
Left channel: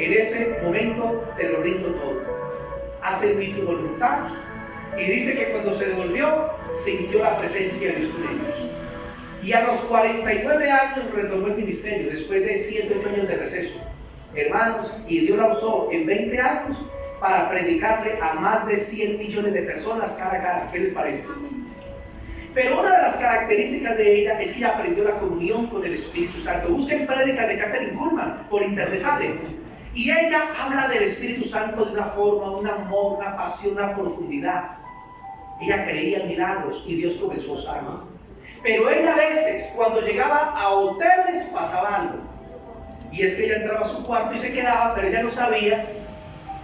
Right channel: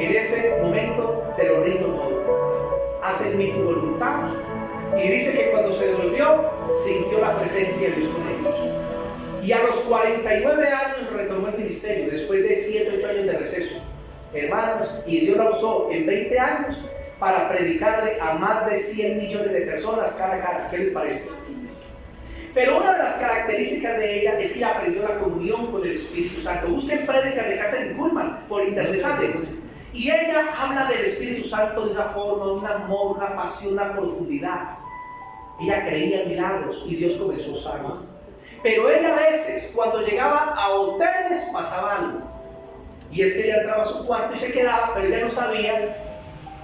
en este momento te lo rindo todo. Haz en mí tu voluntad. Y dice que cuando se devolvió, sintió la presencia de Dios con él. Y a los 49 años retomó el ministerio, después de 7 u 8 años de receso. Hermanos, y Dios la usó en 20 años para predicarle a más de 100 millones de personas cara a cara. ¿Qué les parece? Pero una de las características de ella es que ella aprendió la comunión con el Espíritu Santo. Busquen prédicas de Kathryn Kuhlman, por internet salen. Y ella habla del Espíritu Santo de una forma, un amor, una pasión, una profundidad. Ella creía en milagros y Dios comenzó a usarla. Pero ella a veces, cuando llegaba a hoteles, pasaba algo. Y es que ella entraba a su cuarto y se quedaba, pero ella no sabía,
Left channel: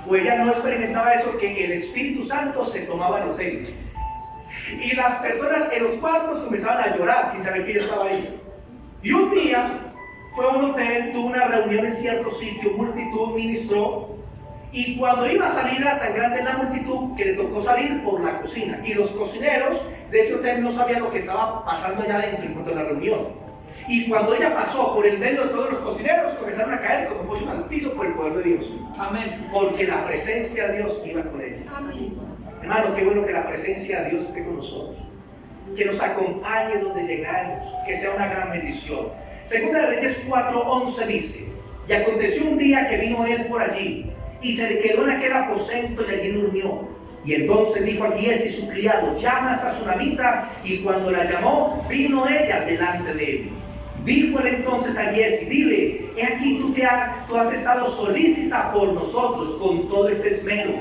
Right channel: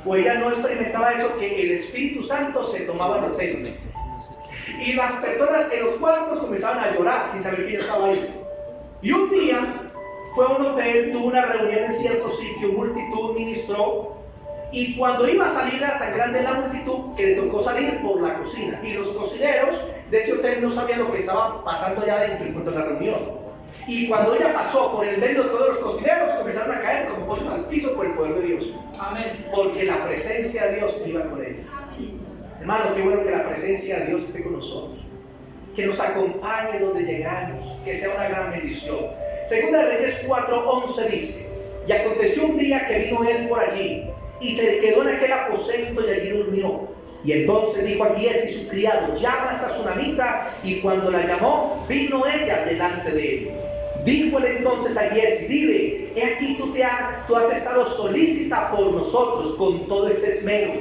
o ella no experimentaba eso, que el Espíritu Santo se tomaba en el hotel. Y las personas en los cuartos comenzaban a llorar sin saber que ella estaba ahí. Y un día fue a un hotel, tuvo una reunión en cierto sitio, multitud, ministró. Y cuando iba a salir era tan grande la multitud que le tocó salir por la cocina. Y los cocineros de ese hotel no sabían lo que estaba pasando allá adentro en cuanto a la reunión. Y cuando ella pasó por el medio de todos los cocineros, comenzaron a caer como pollos al piso por el poder de Dios. Amén. Porque la presencia de Dios iba con ella. Amén. Hermano, qué bueno que la presencia de Dios esté con nosotros. Que nos acompañe donde llegamos. Que sea una gran bendición. Segunda de Reyes 4:11 dice: y aconteció un día que vino él por allí y se quedó en aquel aposento y allí durmió. Y entonces dijo a Giesi su criado: llama a esta tsunamita. Y cuando la llamó, vino ella delante de él. Dijo él entonces a Giesi: dile, he aquí tú has estado solícita por nosotros con todo este esmero.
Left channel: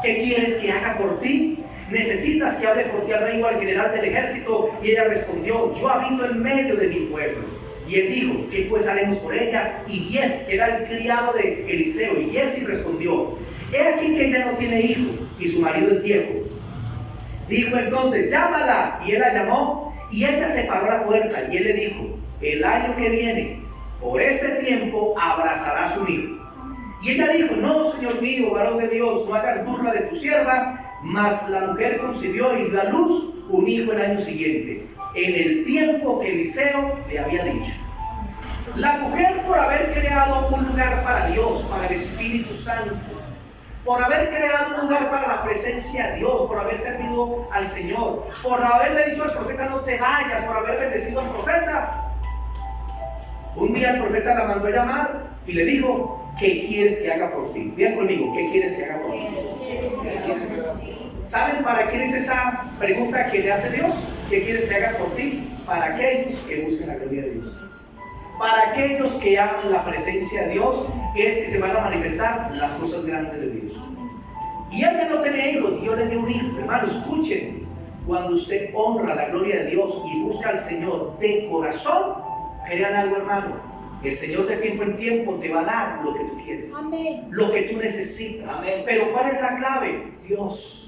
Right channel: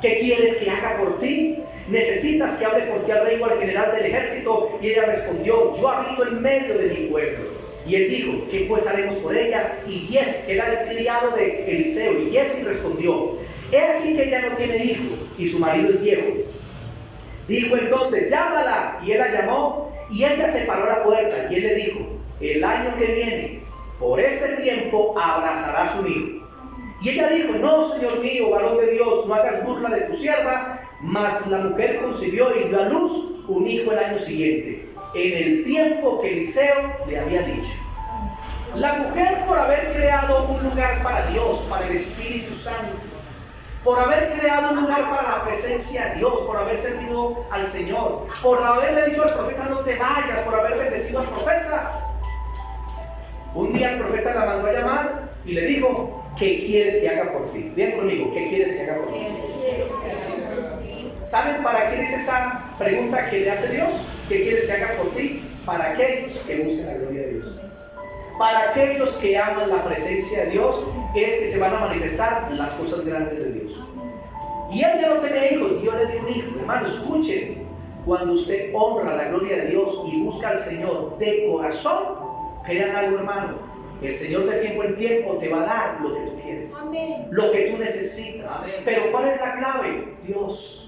¿Qué quieres que haga por ti? ¿Necesitas que hable por ti al rey o al general del ejército? Y ella respondió: yo habito en medio de mi pueblo. Y él dijo: ¿qué pues haremos por ella? Y Giesi, que era el criado de Eliseo, y Giesi respondió: he aquí que ella no tiene hijo y su marido es viejo. Dijo entonces: llámala. Y él la llamó y ella se paró a la puerta. Y él le dijo: el año que viene, por este tiempo, abrazará a su hijo. Y ella dijo: no, Señor mío, varón de Dios, no hagas burla de tu sierva. Mas la mujer concibió y dio a luz un hijo el año siguiente, en el tiempo que Eliseo le había dicho. La mujer, por haber creado un lugar para Dios, para el Espíritu Santo, por haber creado un lugar para la presencia de Dios, por haber servido al Señor, por haberle dicho al profeta: no te vayas, por haber bendecido al profeta, un día el profeta la mandó a llamar y le dijo: ¿qué quieres que haga por ti? Vean conmigo, ¿qué quieres que haga por ti? ¿Saben para quién es esa pregunta que le hace Dios? ¿Qué quieres que haga por ti? Para aquellos que busquen la gloria de Dios. Para aquellos que aman la presencia de Dios, es que se van a manifestar las cosas grandes de Dios. Y él ya no tenía hijos, Dios le dio un hijo. Hermano, escuchen, cuando usted honra la gloria de Dios y busca al Señor de corazón, crean algo, hermano, el Señor de tiempo en tiempo te va a dar lo que tú quieres. Amén. Lo que tú necesitas. Amén. Pero ¿cuál es la clave? Dios.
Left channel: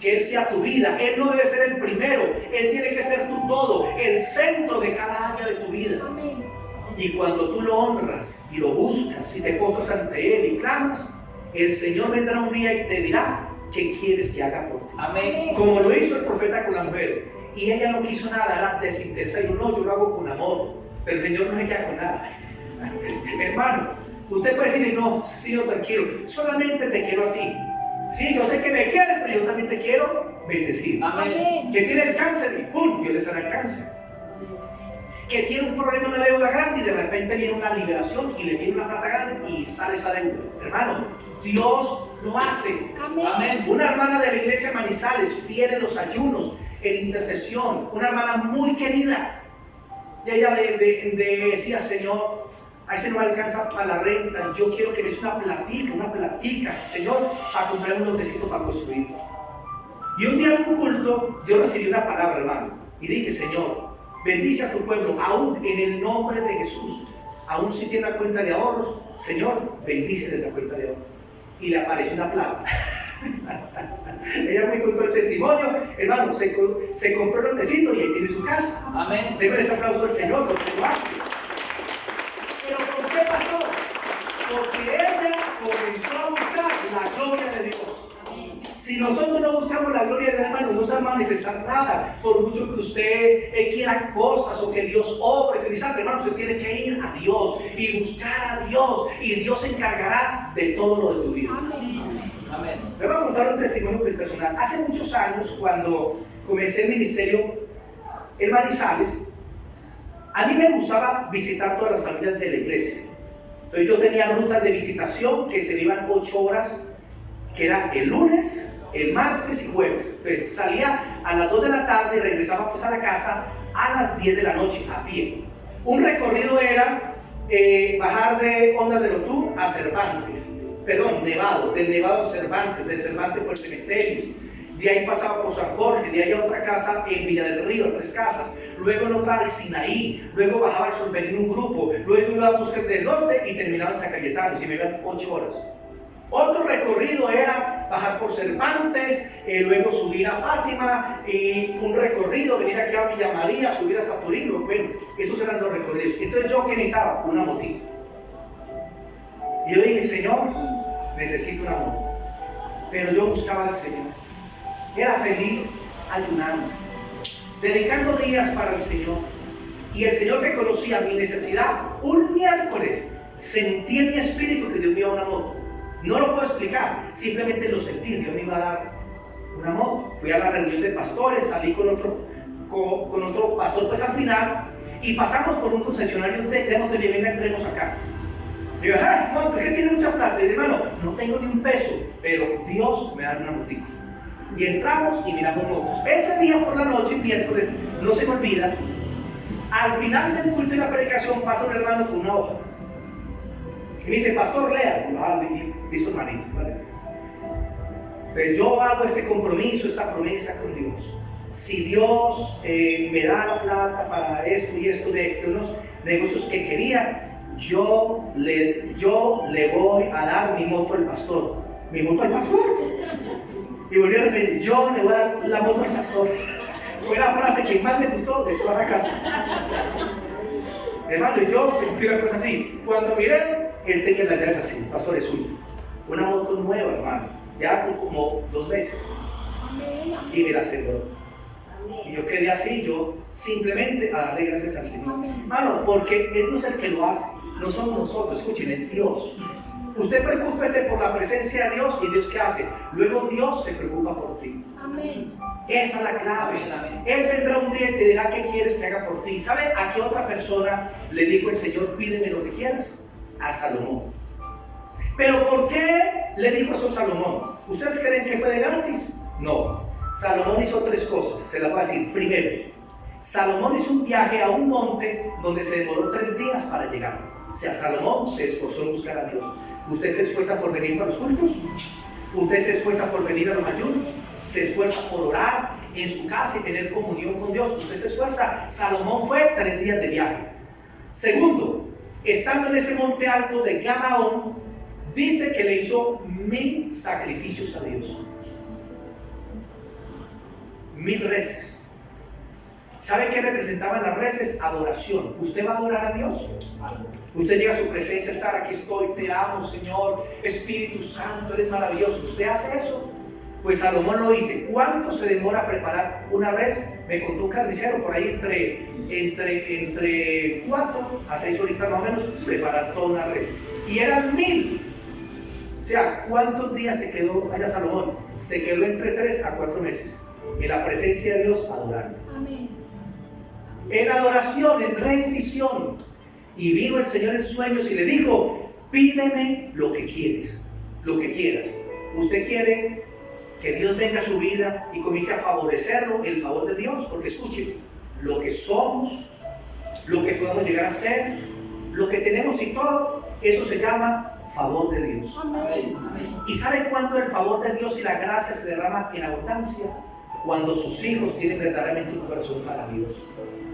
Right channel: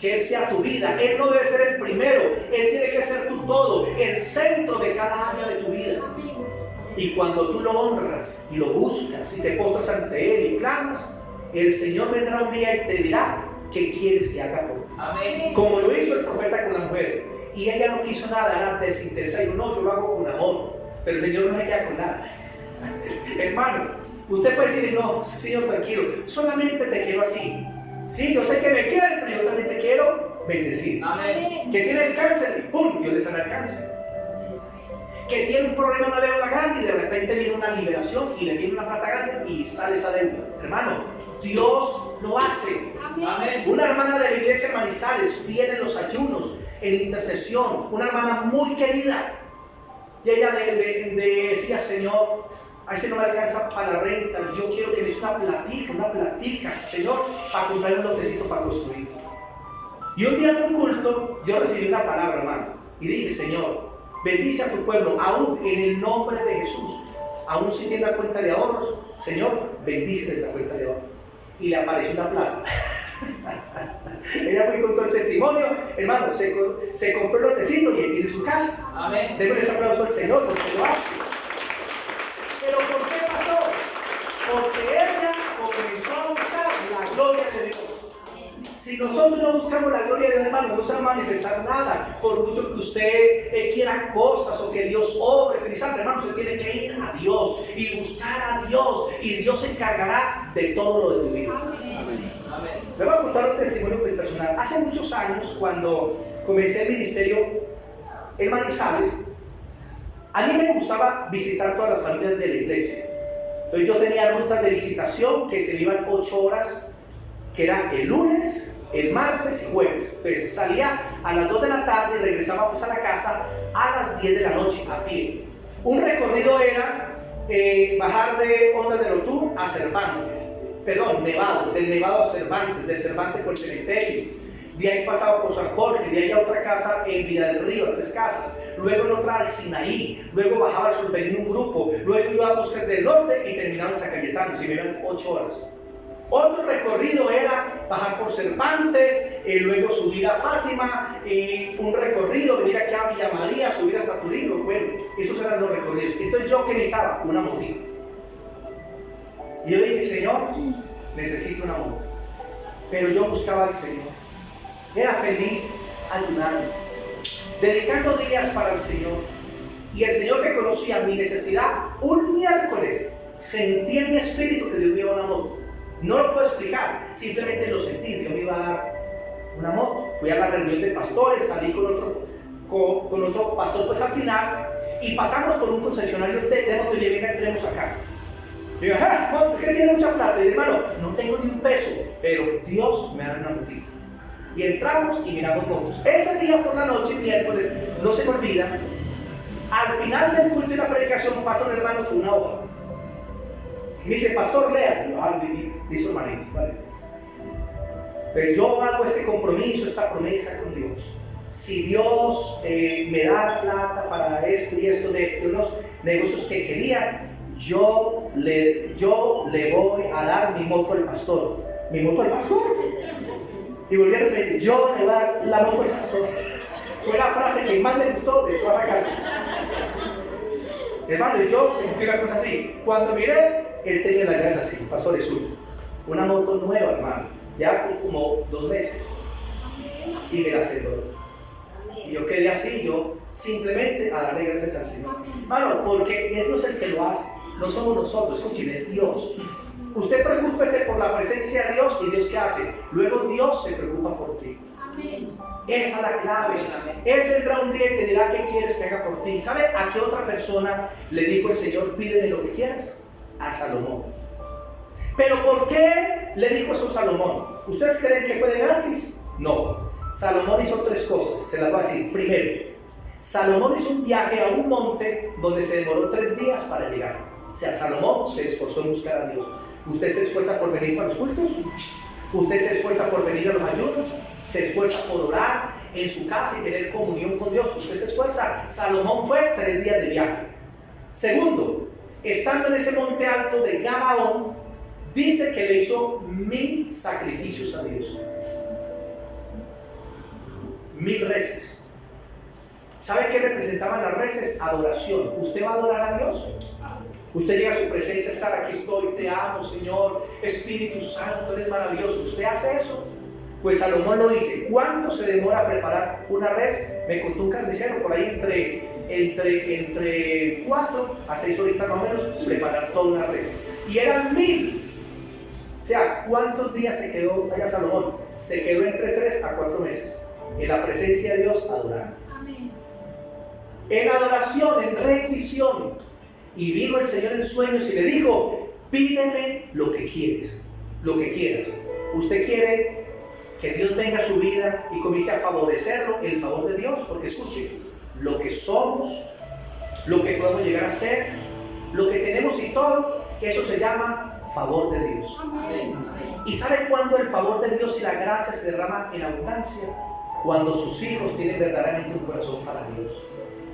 Que Él sea tu vida. Él no debe ser el primero, Él tiene que ser tu todo, el centro de cada área de tu vida. Amén. Y cuando tú lo honras y lo buscas y te postras ante Él y clamas, el Señor vendrá un día y te dirá: ¿qué quieres que haga por ti? Amén. Como lo hizo el profeta con la mujer. Y ella no quiso nada, era desinteresada. Dijo: no, yo lo hago con amor. Pero el Señor no se queda con nada. Hermano, usted puede decirle: no, Señor, tranquilo, solamente te quiero a ti. Sí, yo sé que me quieres, pero yo también te quiero bendecir. Amén. Que tiene el cáncer y ¡pum!, Dios le sana el cáncer. Que tiene un problema, una deuda grande, y de repente viene una liberación y le viene una plata grande y sale esa deuda. Hermano, Dios lo hace. Amén. Una hermana de la iglesia Manizales, fiel en los ayunos, en intercesión, una hermana muy querida. Y ella decía: Señor, a ese no me alcanza para la renta, yo quiero que me des una platica, Señor, para comprar un lotecito para construir. Y un día en un culto, yo recibí una palabra, hermano, y dije: Señor, bendice a tu pueblo, aún en el nombre de Jesús. Aún si tiene una cuenta de ahorros, Señor, bendice la cuenta de ahorros. Y le apareció una plata. Ella me contó el testimonio, hermano, se compró el lotecito y él tiene su casa. Amén. Démosle ese aplauso al Señor porque lo hace. Pero ¿por qué pasó? Porque ella comenzó a buscar la gloria de Dios. Si nosotros no buscamos la gloria de Dios, hermano, no se va a manifestar nada. Por mucho que usted quiera cosas o que Dios obre, que dice, hermano, usted tiene que ir a Dios y buscar a Dios, y Dios se encargará de todo lo de tu vida. Amén. Le voy a contar un testimonio personal. Hace muchos años, cuando comencé el ministerio en Manizales, a mí me gustaba visitar todas las familias de la iglesia. Entonces yo tenía rutas de visitación que se iban 8 horas, que era el lunes, el martes y jueves. Entonces salía a las 2 de la tarde y regresábamos a la casa a las 10 de la noche a pie. Un recorrido era bajar de Ondas del Otún a Cervantes, Nevado, del Nevado a Cervantes, del Cervantes por el cementerio. De ahí pasaba por San Jorge, de ahí a otra casa en Villa del Río, 3 casas, luego en otra al Sinaí, luego bajaba al Survenir un grupo, luego iba a Bosques del Norte y terminaba en San Cayetano, y me iban 8 horas. Otro recorrido era bajar por Cervantes, luego subir a Fátima, y un recorrido, venir aquí a Villa María, subir hasta Turín. Bueno, esos eran los recorridos. Entonces yo, ¿qué necesitaba? Una motico. Y yo dije, Señor, necesito una moto. Pero yo buscaba al Señor. Era feliz ayunando, dedicando días para el Señor. Y el Señor reconocía mi necesidad. Un miércoles sentí en mi espíritu que Dios me iba a dar una moto. No lo puedo explicar, simplemente lo sentí. Dios me iba a dar una moto. Fui a la reunión de pastores, salí con otro pastor pues al final, y pasamos por un concesionario de moto y le venga, entremos acá. Digo, bueno, es que tiene mucha plata. Y hermano, no tengo ni un peso, pero Dios me da una motico. Y entramos y miramos motos. Ese día por la noche, miércoles, no se me olvida, al final del culto y la predicación pasa un hermano con una hoja y me dice, pastor, lea. Dice hermanito, ¿vale? Entonces yo hago este compromiso, esta promesa con Dios. Si Dios me da la plata para esto y esto de unos negocios que quería, yo le voy a dar mi moto al pastor. ¿Mi moto al pastor? Y volví a repetir, yo le voy a dar la moto al pastor. Fue la frase que más me gustó de toda la carta. Hermano, yo sentí una cosa así. Cuando miré, él tenía las llaves así, pastor, es suyo. Una moto nueva, hermano, ya con como 2 meses. Y me la aseguró. Y yo quedé así, yo simplemente a darle gracias al Señor. Hermano, porque es Dios el que lo hace, no somos nosotros, escuchen, es Dios. Usted preocúpese por la presencia de Dios, y Dios ¿qué hace? Luego Dios se preocupa por ti. Amén. Esa es la clave. Amén. Él vendrá un día y te dirá qué quieres que haga por ti. ¿Sabe a qué otra persona le dijo el Señor, pídeme lo que quieras? A Salomón. ¿Pero por qué le dijo eso a Salomón? ¿Ustedes creen que fue de gratis? No. Salomón hizo 3 cosas, se las voy a decir. Primero, Salomón hizo un viaje a un monte donde se demoró 3 días para llegar. O sea, Salomón se esforzó en buscar a Dios. ¿Usted se esfuerza por venir para los cultos? ¿Usted se esfuerza por venir a los ayunos? ¿Se esfuerza por orar en su casa y tener comunión con Dios? ¿Usted se esfuerza? Salomón fue 3 días de viaje. Segundo, estando en ese monte alto de Gabaón, dice que le hizo 1000 sacrificios a Dios. 1000 reces. ¿Sabe qué representaban las reces? Adoración. ¿Usted va a adorar a Dios? Usted llega a su presencia, estar aquí estoy, te amo, Señor, Espíritu Santo, eres maravilloso. ¿Usted hace eso? Pues Salomón lo dice. ¿Cuánto se demora a preparar una res? Me contó un carnicero por ahí entre 4 a 6 horitas más o menos, preparar toda una res. Y eran 1000. O sea, ¿cuántos días se quedó allá Salomón? Se quedó entre 3 a 4 meses en la presencia de Dios adorando. Amén. En adoración, en rendición. Y vino el Señor en sueños y le dijo, pídeme lo que quieres, lo que quieras. ¿Usted quiere que Dios venga a su vida y comience a favorecerlo, el favor de Dios? Porque escuche, lo que somos, lo que podemos llegar a ser, lo que tenemos y todo, eso se llama favor de Dios. Amén. ¿Y sabe cuándo el favor de Dios y la gracia se derrama en abundancia? Cuando sus hijos tienen verdaderamente un corazón para Dios,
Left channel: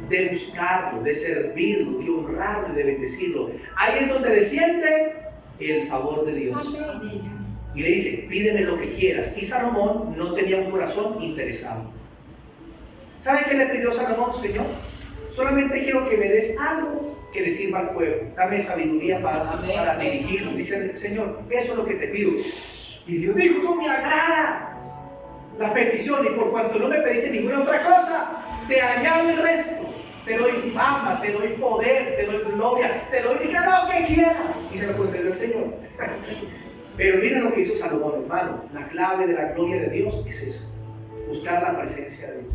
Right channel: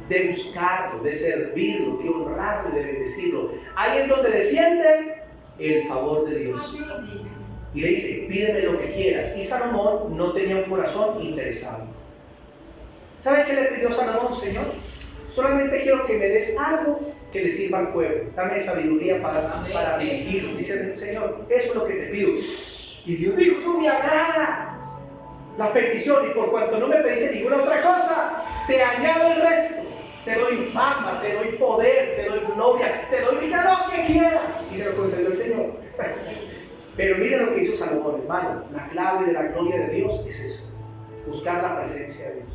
de buscarlo, de servirlo, de honrarlo y de bendecirlo. Ahí es donde desciende el favor de Dios. Y le dice, pídeme lo que quieras. Y Salomón no tenía un corazón interesado. ¿Sabe qué le pidió Salomón? Señor, solamente quiero que me des algo que le sirva al pueblo. Dame sabiduría para dirigirlo. Dice el Señor, eso es lo que te pido. Y Dios dijo, eso me agrada. la petición, y por cuanto no me pediste ninguna otra cosa, te añado el resto. Te doy fama, te doy poder, te doy gloria, te doy lo que quieras. Y se lo concedió el Señor. Pero mira lo que hizo Salomón, hermano. La clave de la gloria de Dios es eso: buscar la presencia de Dios.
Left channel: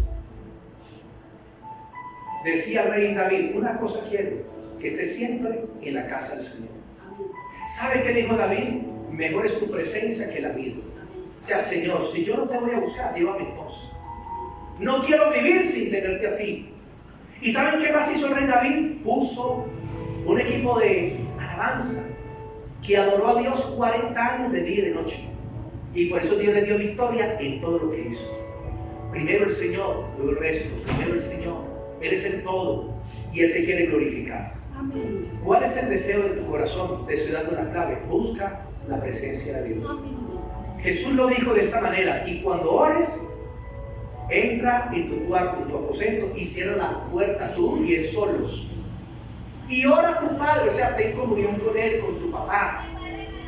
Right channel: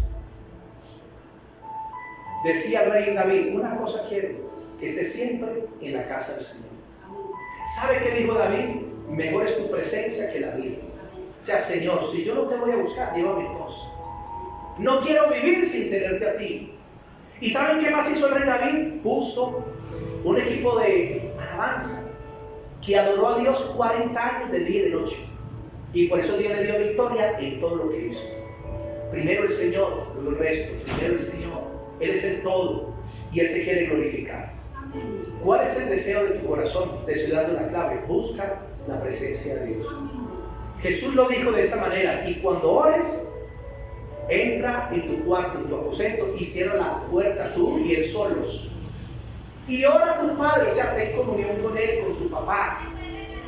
Decía el rey David: una cosa quiero, que esté siempre en la casa del Señor. ¿Sabe qué dijo David? Mejor es tu presencia que la vida. O sea, Señor, si yo no te voy a buscar, llévame entonces. No quiero vivir sin tenerte a ti. ¿Y saben qué más hizo el rey David? Puso un equipo de alabanza que adoró a Dios 40 años de día y de noche. Y por eso Dios le dio victoria en todo lo que hizo. Primero el Señor, luego el resto. Primero el Señor. Él es el todo y Él se quiere glorificar. Amén. ¿Cuál es el deseo de tu corazón? Te estoy dando la clave. Busca la presencia de Dios. Amén. Jesús lo dijo de esta manera: y cuando ores, entra en tu cuarto, en tu aposento, y cierra la puerta tú y Él solos. Y ora a tu Padre, o sea, ten comunión con Él, con tu papá.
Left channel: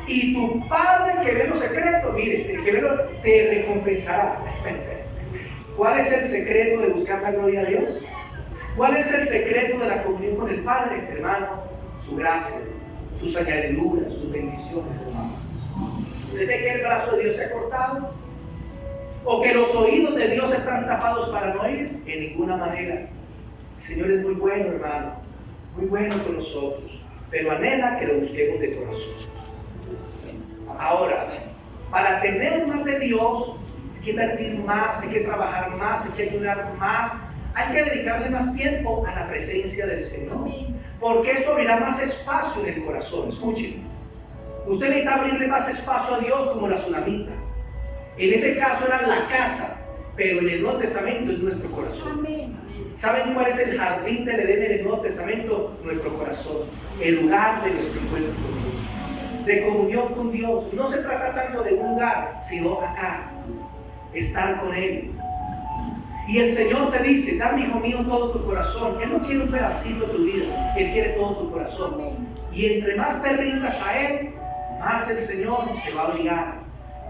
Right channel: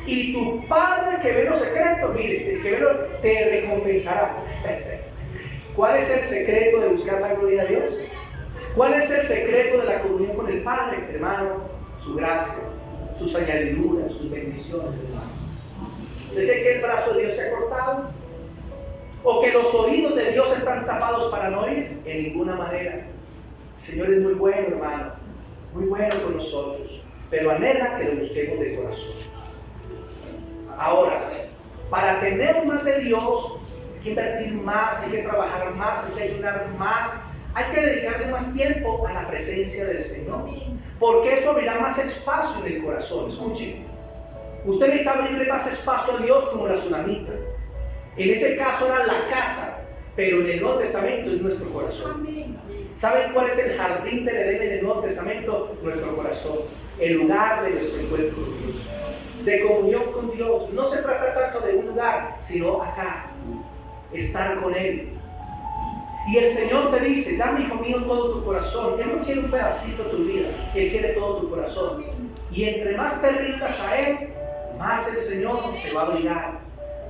Y tu Padre que ve los secretos, mire, que ve te recompensará. ¿Cuál es el secreto de buscar la gloria de Dios? ¿Cuál es el secreto de la comunión con el Padre, hermano? Su gracia, sus añadiduras, sus bendiciones, hermano. ¿Usted cree que el brazo de Dios se ha cortado? ¿O que los oídos de Dios están tapados para no oír? En ninguna manera. El Señor es muy bueno, hermano, muy bueno con nosotros, pero anhela que lo busquemos de corazón. Ahora, para tener más de Dios, hay que invertir más, hay que trabajar más, hay que ayunar más, hay que dedicarle más tiempo a la presencia del Señor, porque eso abrirá más espacio en el corazón. Escuchen, usted necesita abrirle más espacio a Dios como la tsunamita. En ese caso era la casa, pero en el Nuevo Testamento es nuestro corazón. ¿Saben cuál es el jardín del Edén en el Nuevo Testamento? Nuestro corazón, el lugar de nuestro encuentro con Dios, de comunión con Dios. No se trata tanto de un lugar, sino acá, estar con Él. Y el Señor te dice: dame, hijo mío, todo tu corazón. Él no quiere un pedacito de tu vida, Él quiere todo tu corazón. Y entre más te rindas a Él, más el Señor te va a obligar,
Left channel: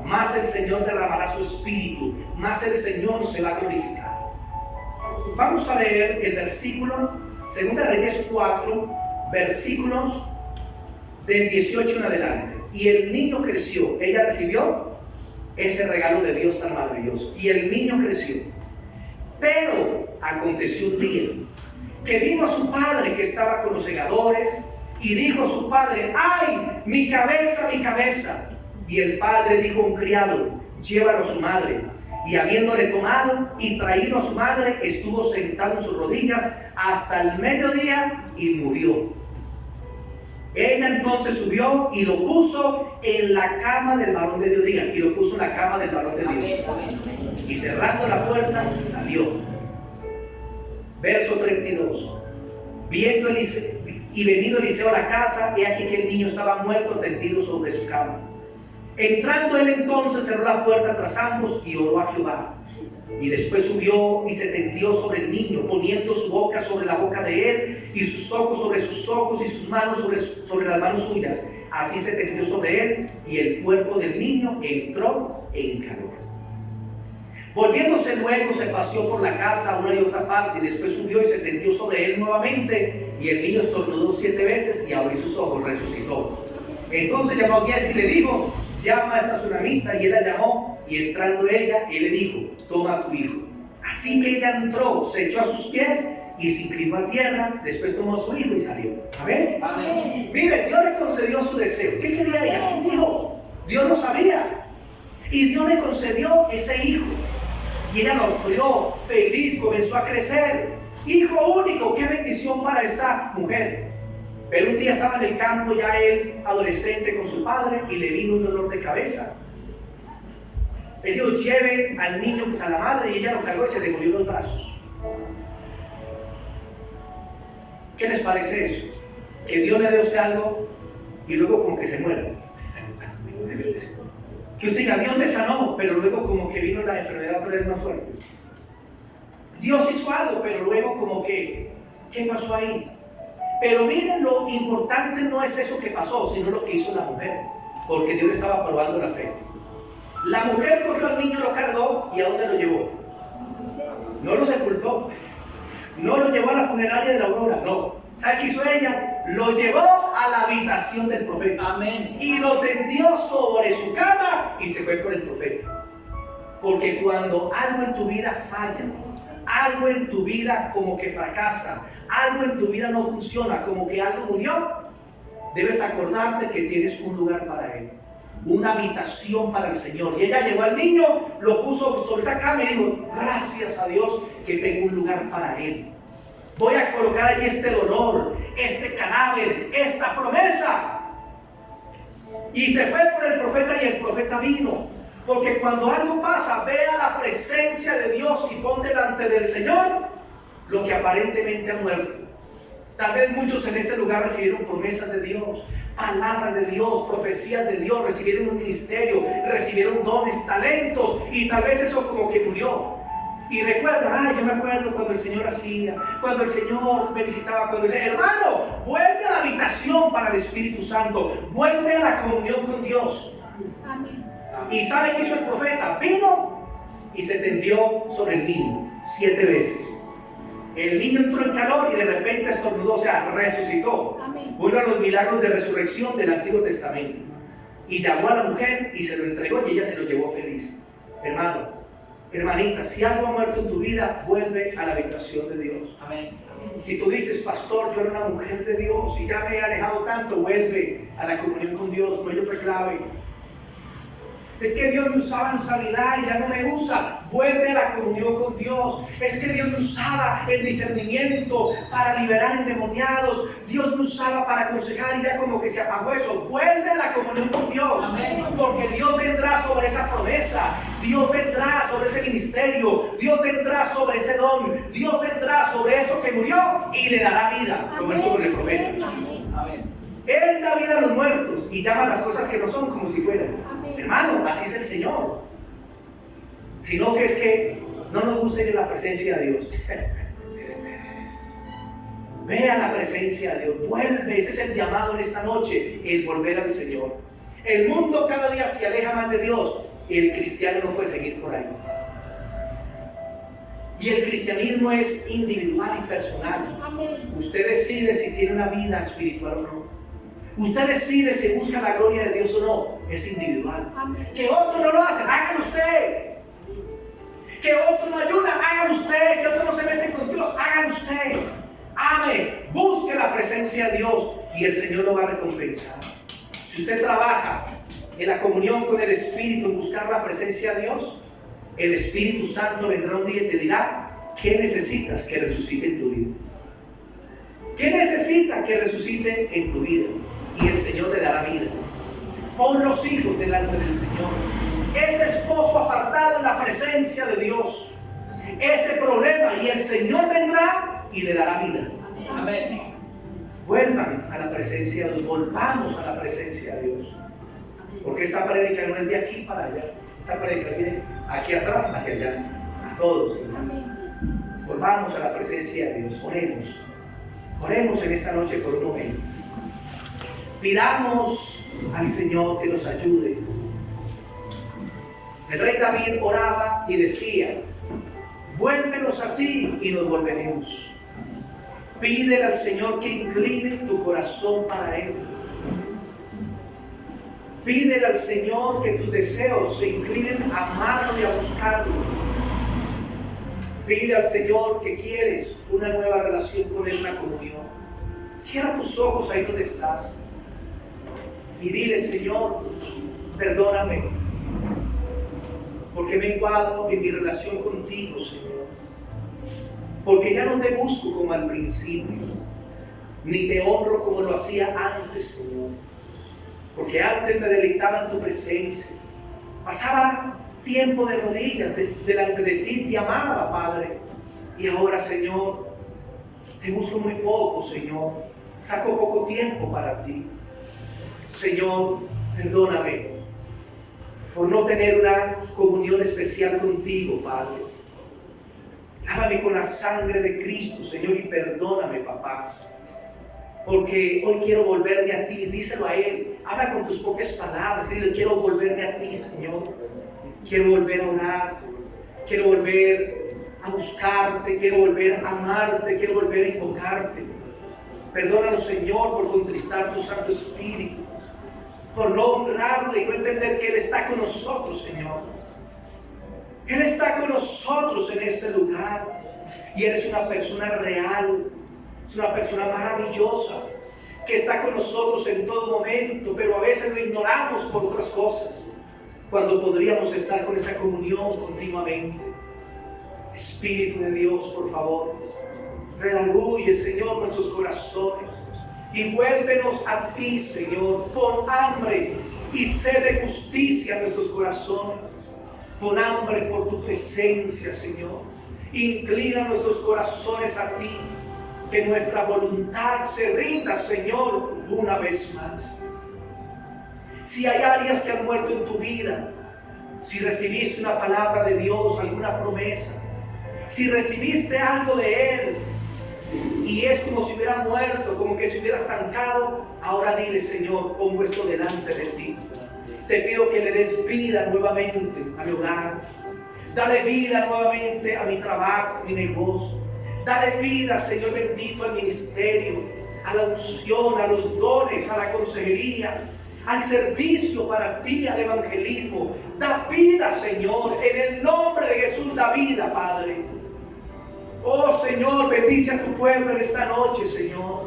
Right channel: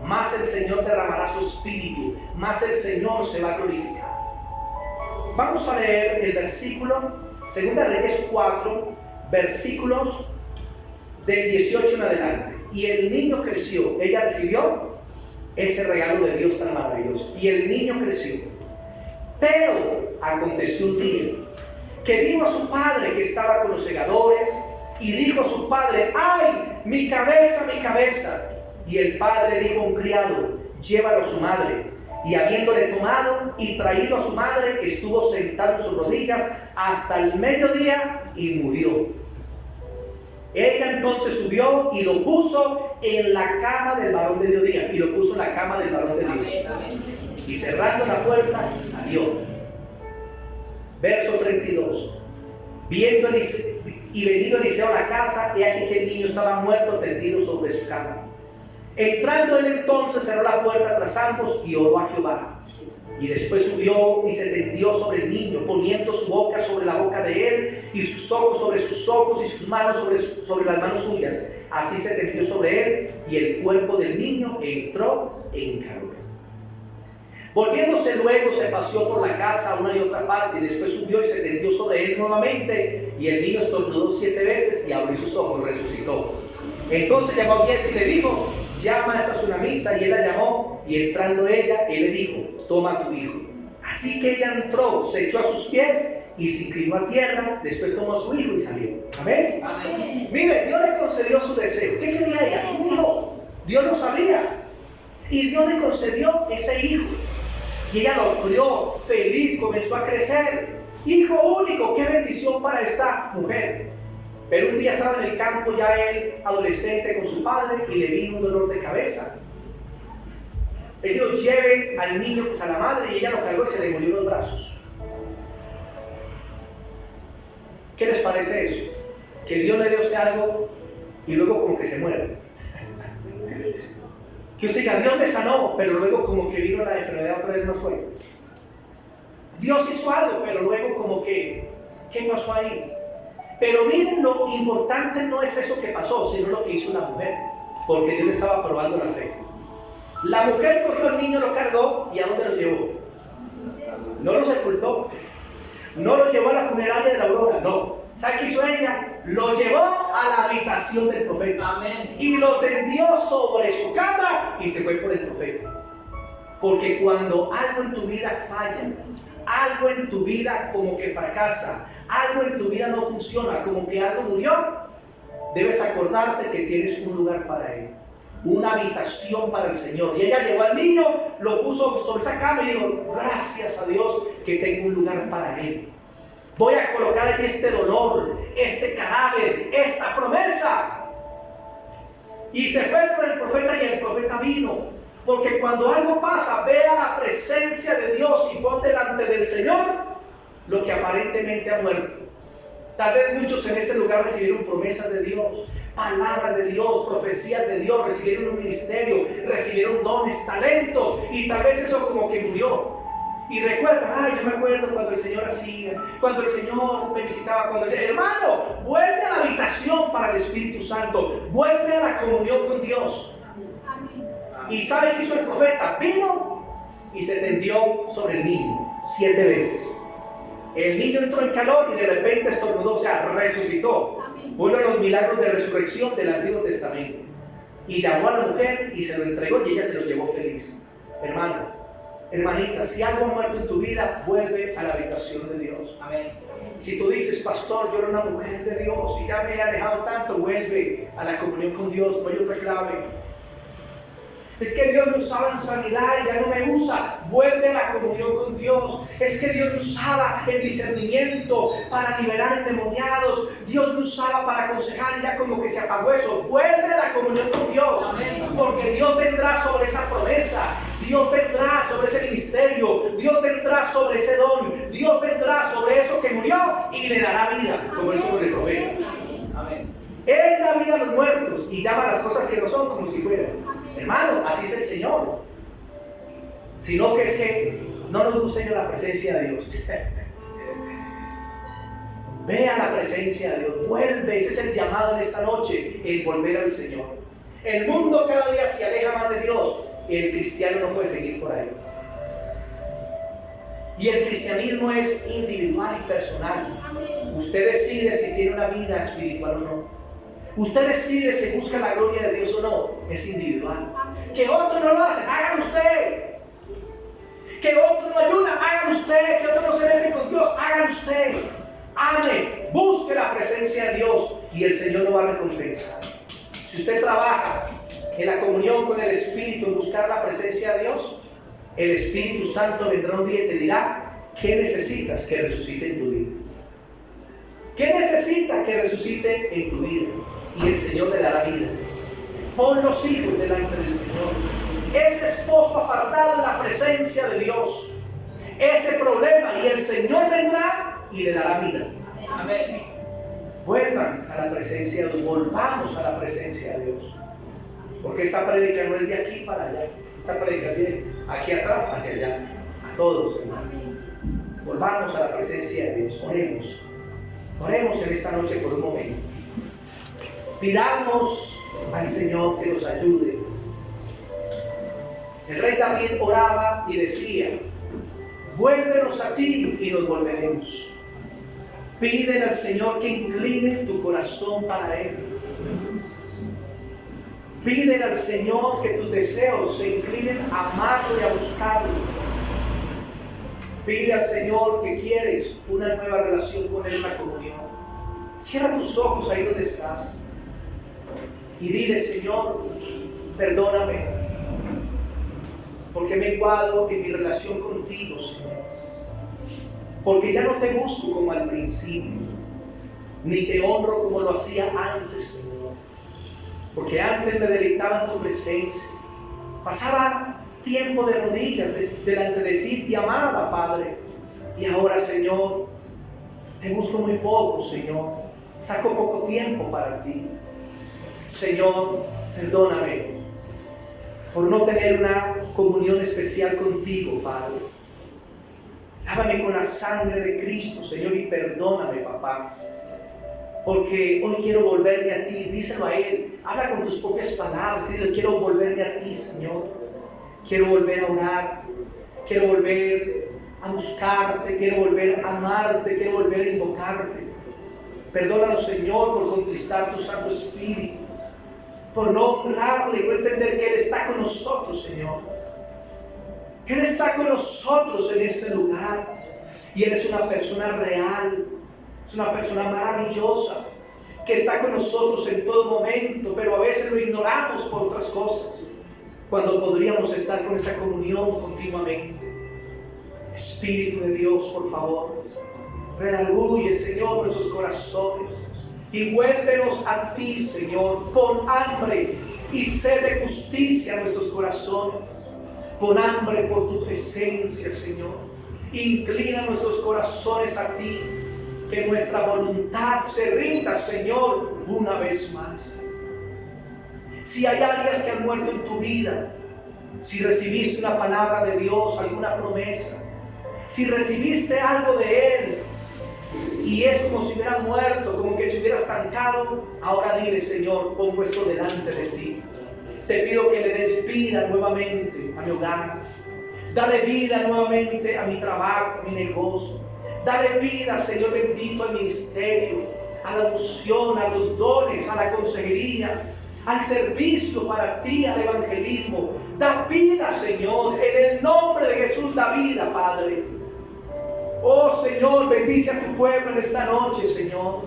más el Señor derramará su espíritu, más el Señor se va a glorificar. Vamos a leer el versículo, 2 Reyes 4, versículos del 18 en adelante. Y el niño creció. Ella recibió ese regalo de Dios tan maravilloso. Y el niño creció. Pero aconteció un día que vino a su padre que estaba con los segadores, y dijo a su padre: ¡ay, mi cabeza, mi cabeza! Y el padre dijo a un criado: llévalo a su madre. Y habiéndole tomado y traído a su madre, estuvo sentado en sus rodillas hasta el mediodía y murió. Ella entonces subió y lo puso en la cama del varón de Dios. Y lo puso en la cama del varón de Dios. Y cerrando la puerta salió. Verso 32. Viendo y venido Eliseo a la casa, he aquí que el niño estaba muerto, tendido sobre su cama. Entrando él entonces, cerró la puerta tras ambos y oró a Jehová. Y después subió y se tendió sobre el niño, poniendo su boca sobre la boca de él, y sus ojos sobre sus ojos, y sus manos sobre las manos suyas. Así se tendió sobre él, y el cuerpo del niño entró en calor. Volviéndose luego, se paseó por la casa a una y otra parte, y después subió y se tendió sobre él nuevamente, y el niño estornudó 7 veces, y abrió sus ojos, resucitó. Entonces llamó a Giesi y le dijo: llama a esta tsunamita. Y él la llamó, y entrando ella, él le dijo: toma a tu hijo. Así que ella entró, se echó a sus pies y se inclinó a tierra. Después tomó a su hijo y salió. Amén. Amén. Mire, Dios le concedió su deseo. ¿Qué quería ella? Un hijo. Dios lo sabía, y Dios le concedió ese hijo, y ella lo crió feliz, comenzó a crecer. Hijo único, qué bendición para esta mujer. Pero un día estaba en el campo ya él, adolescente, con su padre, y le vino un dolor de cabeza. Le dijo: lleven al niño pues a la madre, y ella lo cargó y se le murió en los brazos. ¿Qué les parece eso? Que Dios le dé a usted algo y luego como que se muera. Que usted diga: Dios me sanó, pero luego como que vino la enfermedad otra vez más fuerte. Dios hizo algo, pero luego como que, ¿qué pasó ahí? Pero miren, lo importante no es eso que pasó, sino lo que hizo la mujer, porque Dios le estaba probando la fe. La mujer cogió al niño, lo cargó y ¿a dónde lo llevó? No lo sepultó. No lo llevó a la funeraria de la Aurora, no. ¿Sabe qué hizo ella? Lo llevó a la habitación del profeta. Amén. Y lo tendió sobre su cama y se fue por el profeta. Porque cuando algo en tu vida falla, algo en tu vida como que fracasa, algo en tu vida no funciona, como que algo murió, debes acordarte que tienes un lugar para Él, una habitación para el Señor. Y ella llevó al niño, lo puso sobre esa cama y dijo: gracias a Dios que tengo un lugar para Él. Voy a colocar allí este dolor, este cadáver, esta promesa. Y se fue por el profeta y el profeta vino. Porque cuando algo pasa, ve a la presencia de Dios y pon delante del Señor lo que aparentemente ha muerto. Tal vez muchos en ese lugar recibieron promesas de Dios, palabras de Dios, profecías de Dios, recibieron un ministerio, recibieron dones, talentos, y tal vez eso como que murió. Y recuerda, yo me acuerdo cuando el Señor hacía, cuando el Señor me visitaba, cuando decía: hermano, vuelve a la habitación para el Espíritu Santo, vuelve a la comunión con Dios. ¿Y sabe qué hizo el profeta? Vino y se tendió sobre el niño 7 veces. El niño entró en calor y de repente estornudó, o sea, resucitó. Uno de los milagros de resurrección del Antiguo Testamento. Y llamó a la mujer y se lo entregó y ella se lo llevó feliz. Hermano, hermanita, si algo ha muerto en tu vida, vuelve a la habitación de Dios. Amén. Si tú dices: pastor, yo era una mujer de Dios y ya me he alejado tanto, vuelve a la comunión con Dios, no hay otra clave. Es que Dios me usaba en sanidad y ya no me usa. Vuelve a la comunión con Dios. Es que Dios me usaba en discernimiento para liberar endemoniados. Dios me usaba para aconsejar y ya como que se apagó eso. Vuelve a la comunión con Dios. Amén. Porque Dios vendrá sobre esa promesa. Dios vendrá sobre ese ministerio. Dios vendrá sobre ese don. Dios vendrá sobre eso que murió y le dará vida, como él hizo con el profeta. Amén. Él da vida a los muertos y llama a las cosas que no son como si fueran. Hermano, así es el Señor. Sino que es que no nos gusta ir a la presencia de Dios. Ve a la presencia de Dios, vuelve. Ese es el llamado en esta noche, el volver al Señor. El mundo cada día se aleja más de Dios. El cristiano no puede seguir por ahí. Y el cristianismo es individual y personal. Usted decide si tiene una vida espiritual o no. Usted decide si busca la gloria de Dios o no. Es individual. Que otros no lo hacen, hágalo usted. Que otros no ayudan, hágalo usted. Que otros no se meten con Dios, hágalo usted. Ame, busque la presencia de Dios y el Señor lo va a recompensar. Si usted trabaja en la comunión con el Espíritu, en buscar la presencia de Dios, el Espíritu Santo vendrá un día y te dirá: ¿qué necesitas que resucite en tu vida? ¿Qué necesitas que resucite en tu vida? Y el Señor le dará vida. Pon los hijos delante del Señor. Ese esposo apartado en la presencia de Dios. Ese problema, y el Señor vendrá y le dará vida. Amén. Vuelvan a la presencia de Dios. Volvamos a la presencia de Dios. Porque esa prédica no es de aquí para allá. Esa prédica viene aquí atrás hacia allá. A todos, hermano. Volvamos a la presencia de Dios. Oremos. Oremos en esta noche por un momento. Pidamos al Señor que nos ayude. El rey David oraba y decía: vuélvenos a ti y nos volveremos. Pídele al Señor que incline tu corazón para Él. Pídele al Señor que tus deseos se inclinen a amarlo y a buscarlo. Pide al Señor que quieres una nueva relación con Él, una comunión. Cierra tus ojos ahí donde estás y dile: Señor, perdóname, porque me encuadro en mi relación contigo, Señor. Porque ya no te busco como al principio, ni te honro como lo hacía antes, Señor. Porque antes me deleitaba en tu presencia. Pasaba tiempo de rodillas delante de ti, te amaba, Padre. Y ahora, Señor, te busco muy poco, Señor. Saco poco tiempo para ti. Señor, perdóname por no tener una comunión especial contigo, Padre. Lávame con la sangre de Cristo, Señor, y perdóname, papá. Porque hoy quiero volverme a ti. Díselo a Él. Habla con tus propias palabras. Dile: quiero volverme a ti, Señor. Quiero volver a orar, quiero volver a buscarte, quiero volver a amarte, quiero volver a invocarte. Perdónanos, Señor, por contristar tu Santo Espíritu, por no honrarle y no entender que Él está con nosotros, Señor. Él está con nosotros en este lugar y Él es una persona real, es una persona maravillosa que está con nosotros en todo momento, pero a veces lo ignoramos por otras cosas, cuando podríamos estar con esa comunión continuamente. Espíritu de Dios, por favor, redarguye, Señor, nuestros corazones y vuélvenos a ti, Señor. Pon hambre y sed de justicia en nuestros corazones. Pon hambre por tu presencia, Señor. Inclina nuestros corazones a ti, que nuestra voluntad se rinda, Señor, una vez más. Si hay áreas que han muerto en tu vida, si recibiste una palabra de Dios, alguna promesa, si recibiste algo de Él y es como si hubiera muerto, como que se hubiera estancado, ahora dile: Señor, pongo esto delante de ti. Te pido que le des vida nuevamente a mi hogar. Dale vida nuevamente a mi trabajo, a mi negocio. Dale vida, Señor bendito, al ministerio, a la unción, a los dones, a la consejería, al servicio para ti, al evangelismo. Da vida, Señor, en el nombre de Jesús, da vida, Padre. Oh, Señor, bendice a tu pueblo en esta noche, Señor.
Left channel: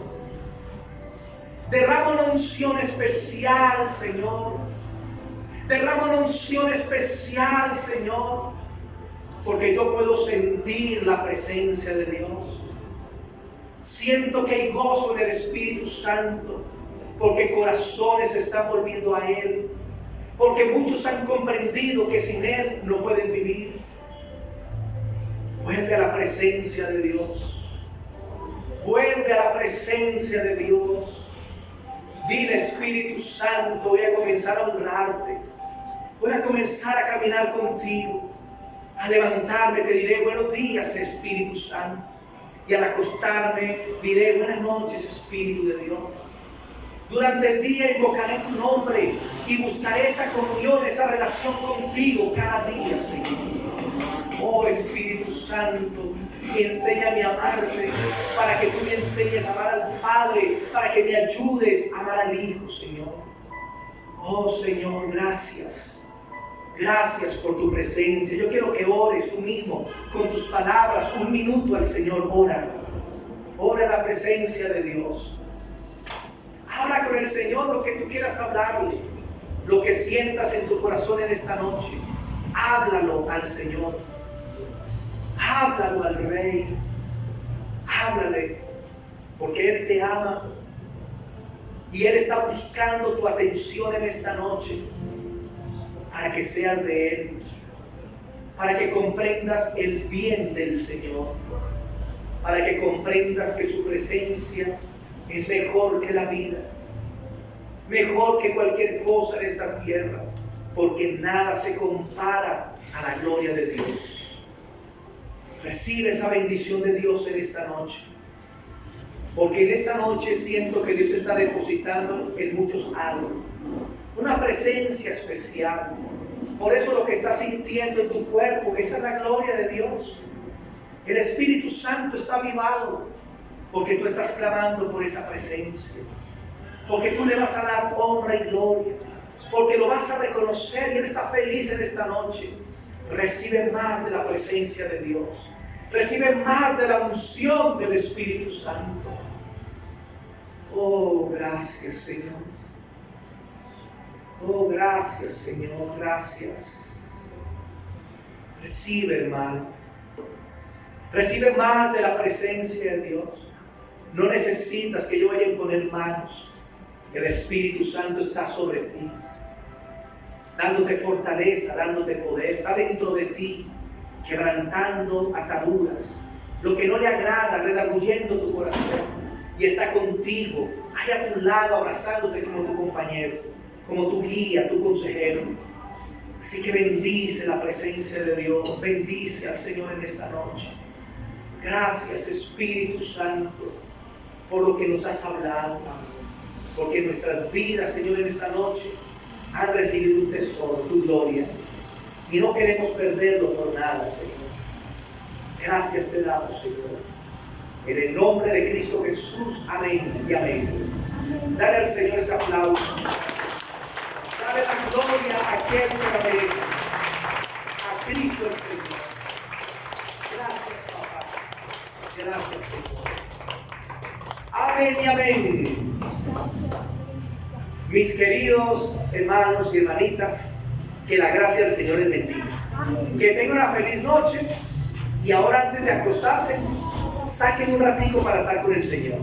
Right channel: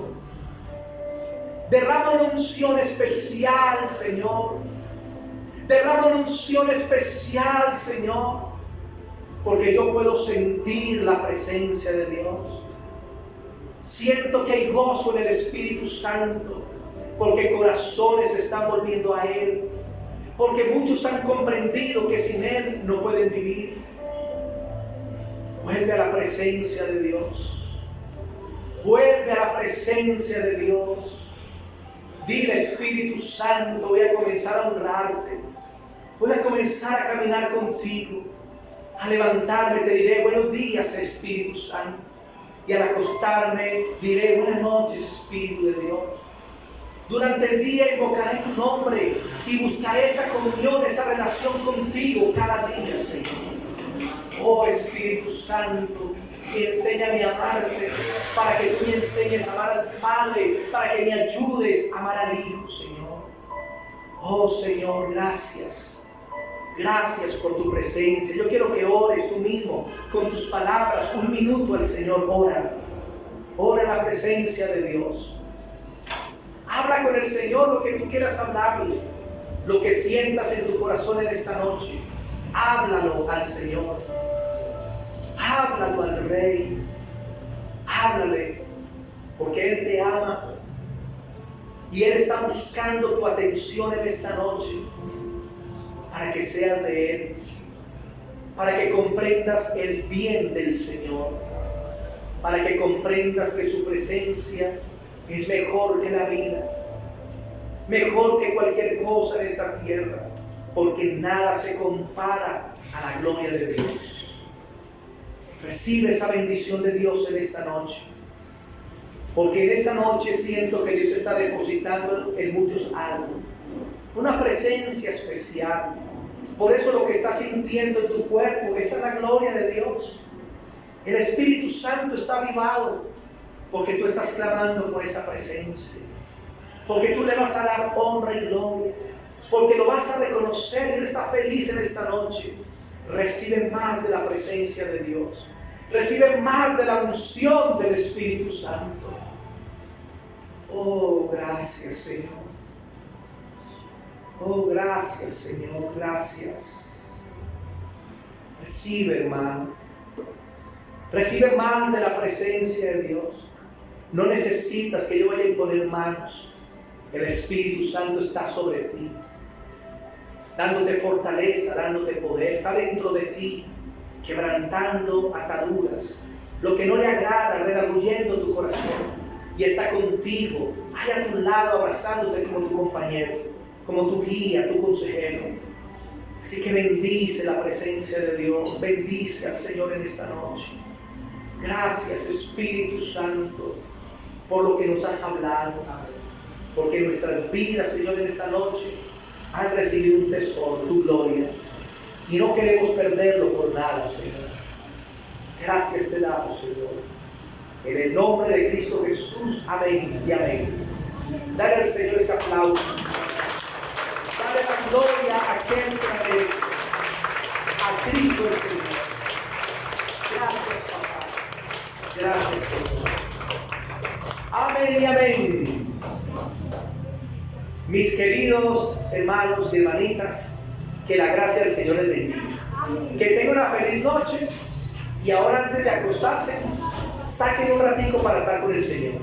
Derrama una unción especial, Señor. Derrama una unción especial, Señor, porque yo puedo sentir la presencia de Dios. Siento que hay gozo en el Espíritu Santo, porque corazones se están volviendo a Él, porque muchos han comprendido que sin Él no pueden vivir. Vuelve a la presencia de Dios. Vuelve a la presencia de Dios. Dile: Espíritu Santo, voy a comenzar a honrarte. Voy a comenzar a caminar contigo. Al levantarme te diré: buenos días, Espíritu Santo. Y al acostarme diré: buenas noches, Espíritu de Dios. Durante el día invocaré tu nombre y buscaré esa comunión, esa relación contigo cada día, Señor. Oh, Espíritu Santo, enséñame a amarte, para que tú me enseñes a amar al Padre, para que me ayudes a amar al Hijo, Señor. Oh, Señor, gracias. Gracias por tu presencia. Yo quiero que ores tú mismo con tus palabras un minuto al Señor. Ora. Ora en la presencia de Dios. Habla con el Señor lo que tú quieras hablarle. Lo que sientas en tu corazón en esta noche. Háblalo al Señor. Háblalo al Rey. Háblale. Porque Él te ama. Y Él está buscando tu atención en esta noche. Para que seas de Él, para que comprendas el bien del Señor, para que comprendas que su presencia es mejor que la vida, mejor que cualquier cosa en esta tierra, porque nada se compara a la gloria de Dios. Recibe esa bendición de Dios en esta noche, porque en esta noche siento que Dios está depositando en muchos algo, una presencia especial. Por eso lo que estás sintiendo en tu cuerpo, esa es la gloria de Dios. El Espíritu Santo está avivado, porque tú estás clamando por esa presencia, porque tú le vas a dar honra y gloria, porque lo vas a reconocer y Él está feliz en esta noche. Recibe más de la presencia de Dios, recibe más de la unción del Espíritu Santo. Oh, gracias, Señor. Oh, gracias, Señor, gracias. Recibe, hermano. Recibe más de la presencia de Dios. No necesitas que yo vaya a imponer manos. El Espíritu Santo está sobre ti, dándote fortaleza, dándote poder. Está dentro de ti, quebrantando ataduras. Lo que no le agrada, redarguyendo tu corazón. Y está contigo, ahí a tu lado, abrazándote como tu compañero, como tu guía, tu consejero. Así que bendice la presencia de Dios. Bendice al Señor en esta noche. Gracias, Espíritu Santo, por lo que nos has hablado. Porque nuestras vidas, Señor, en esta noche han recibido un tesoro, tu gloria. y no queremos perderlo por nada, Señor. Gracias te damos, Señor. En el nombre de Cristo Jesús, amén y amén. Dale al Señor ese aplauso. Dale la gloria a aquel que la merece. A Cristo el Señor. Gracias, papá. Gracias, Señor. Amén y amén. Mis queridos hermanos y hermanitas, que la gracia del Señor les bendiga. Que tengan una feliz noche. Y ahora, antes de acostarse, saquen un ratico para estar con el Señor.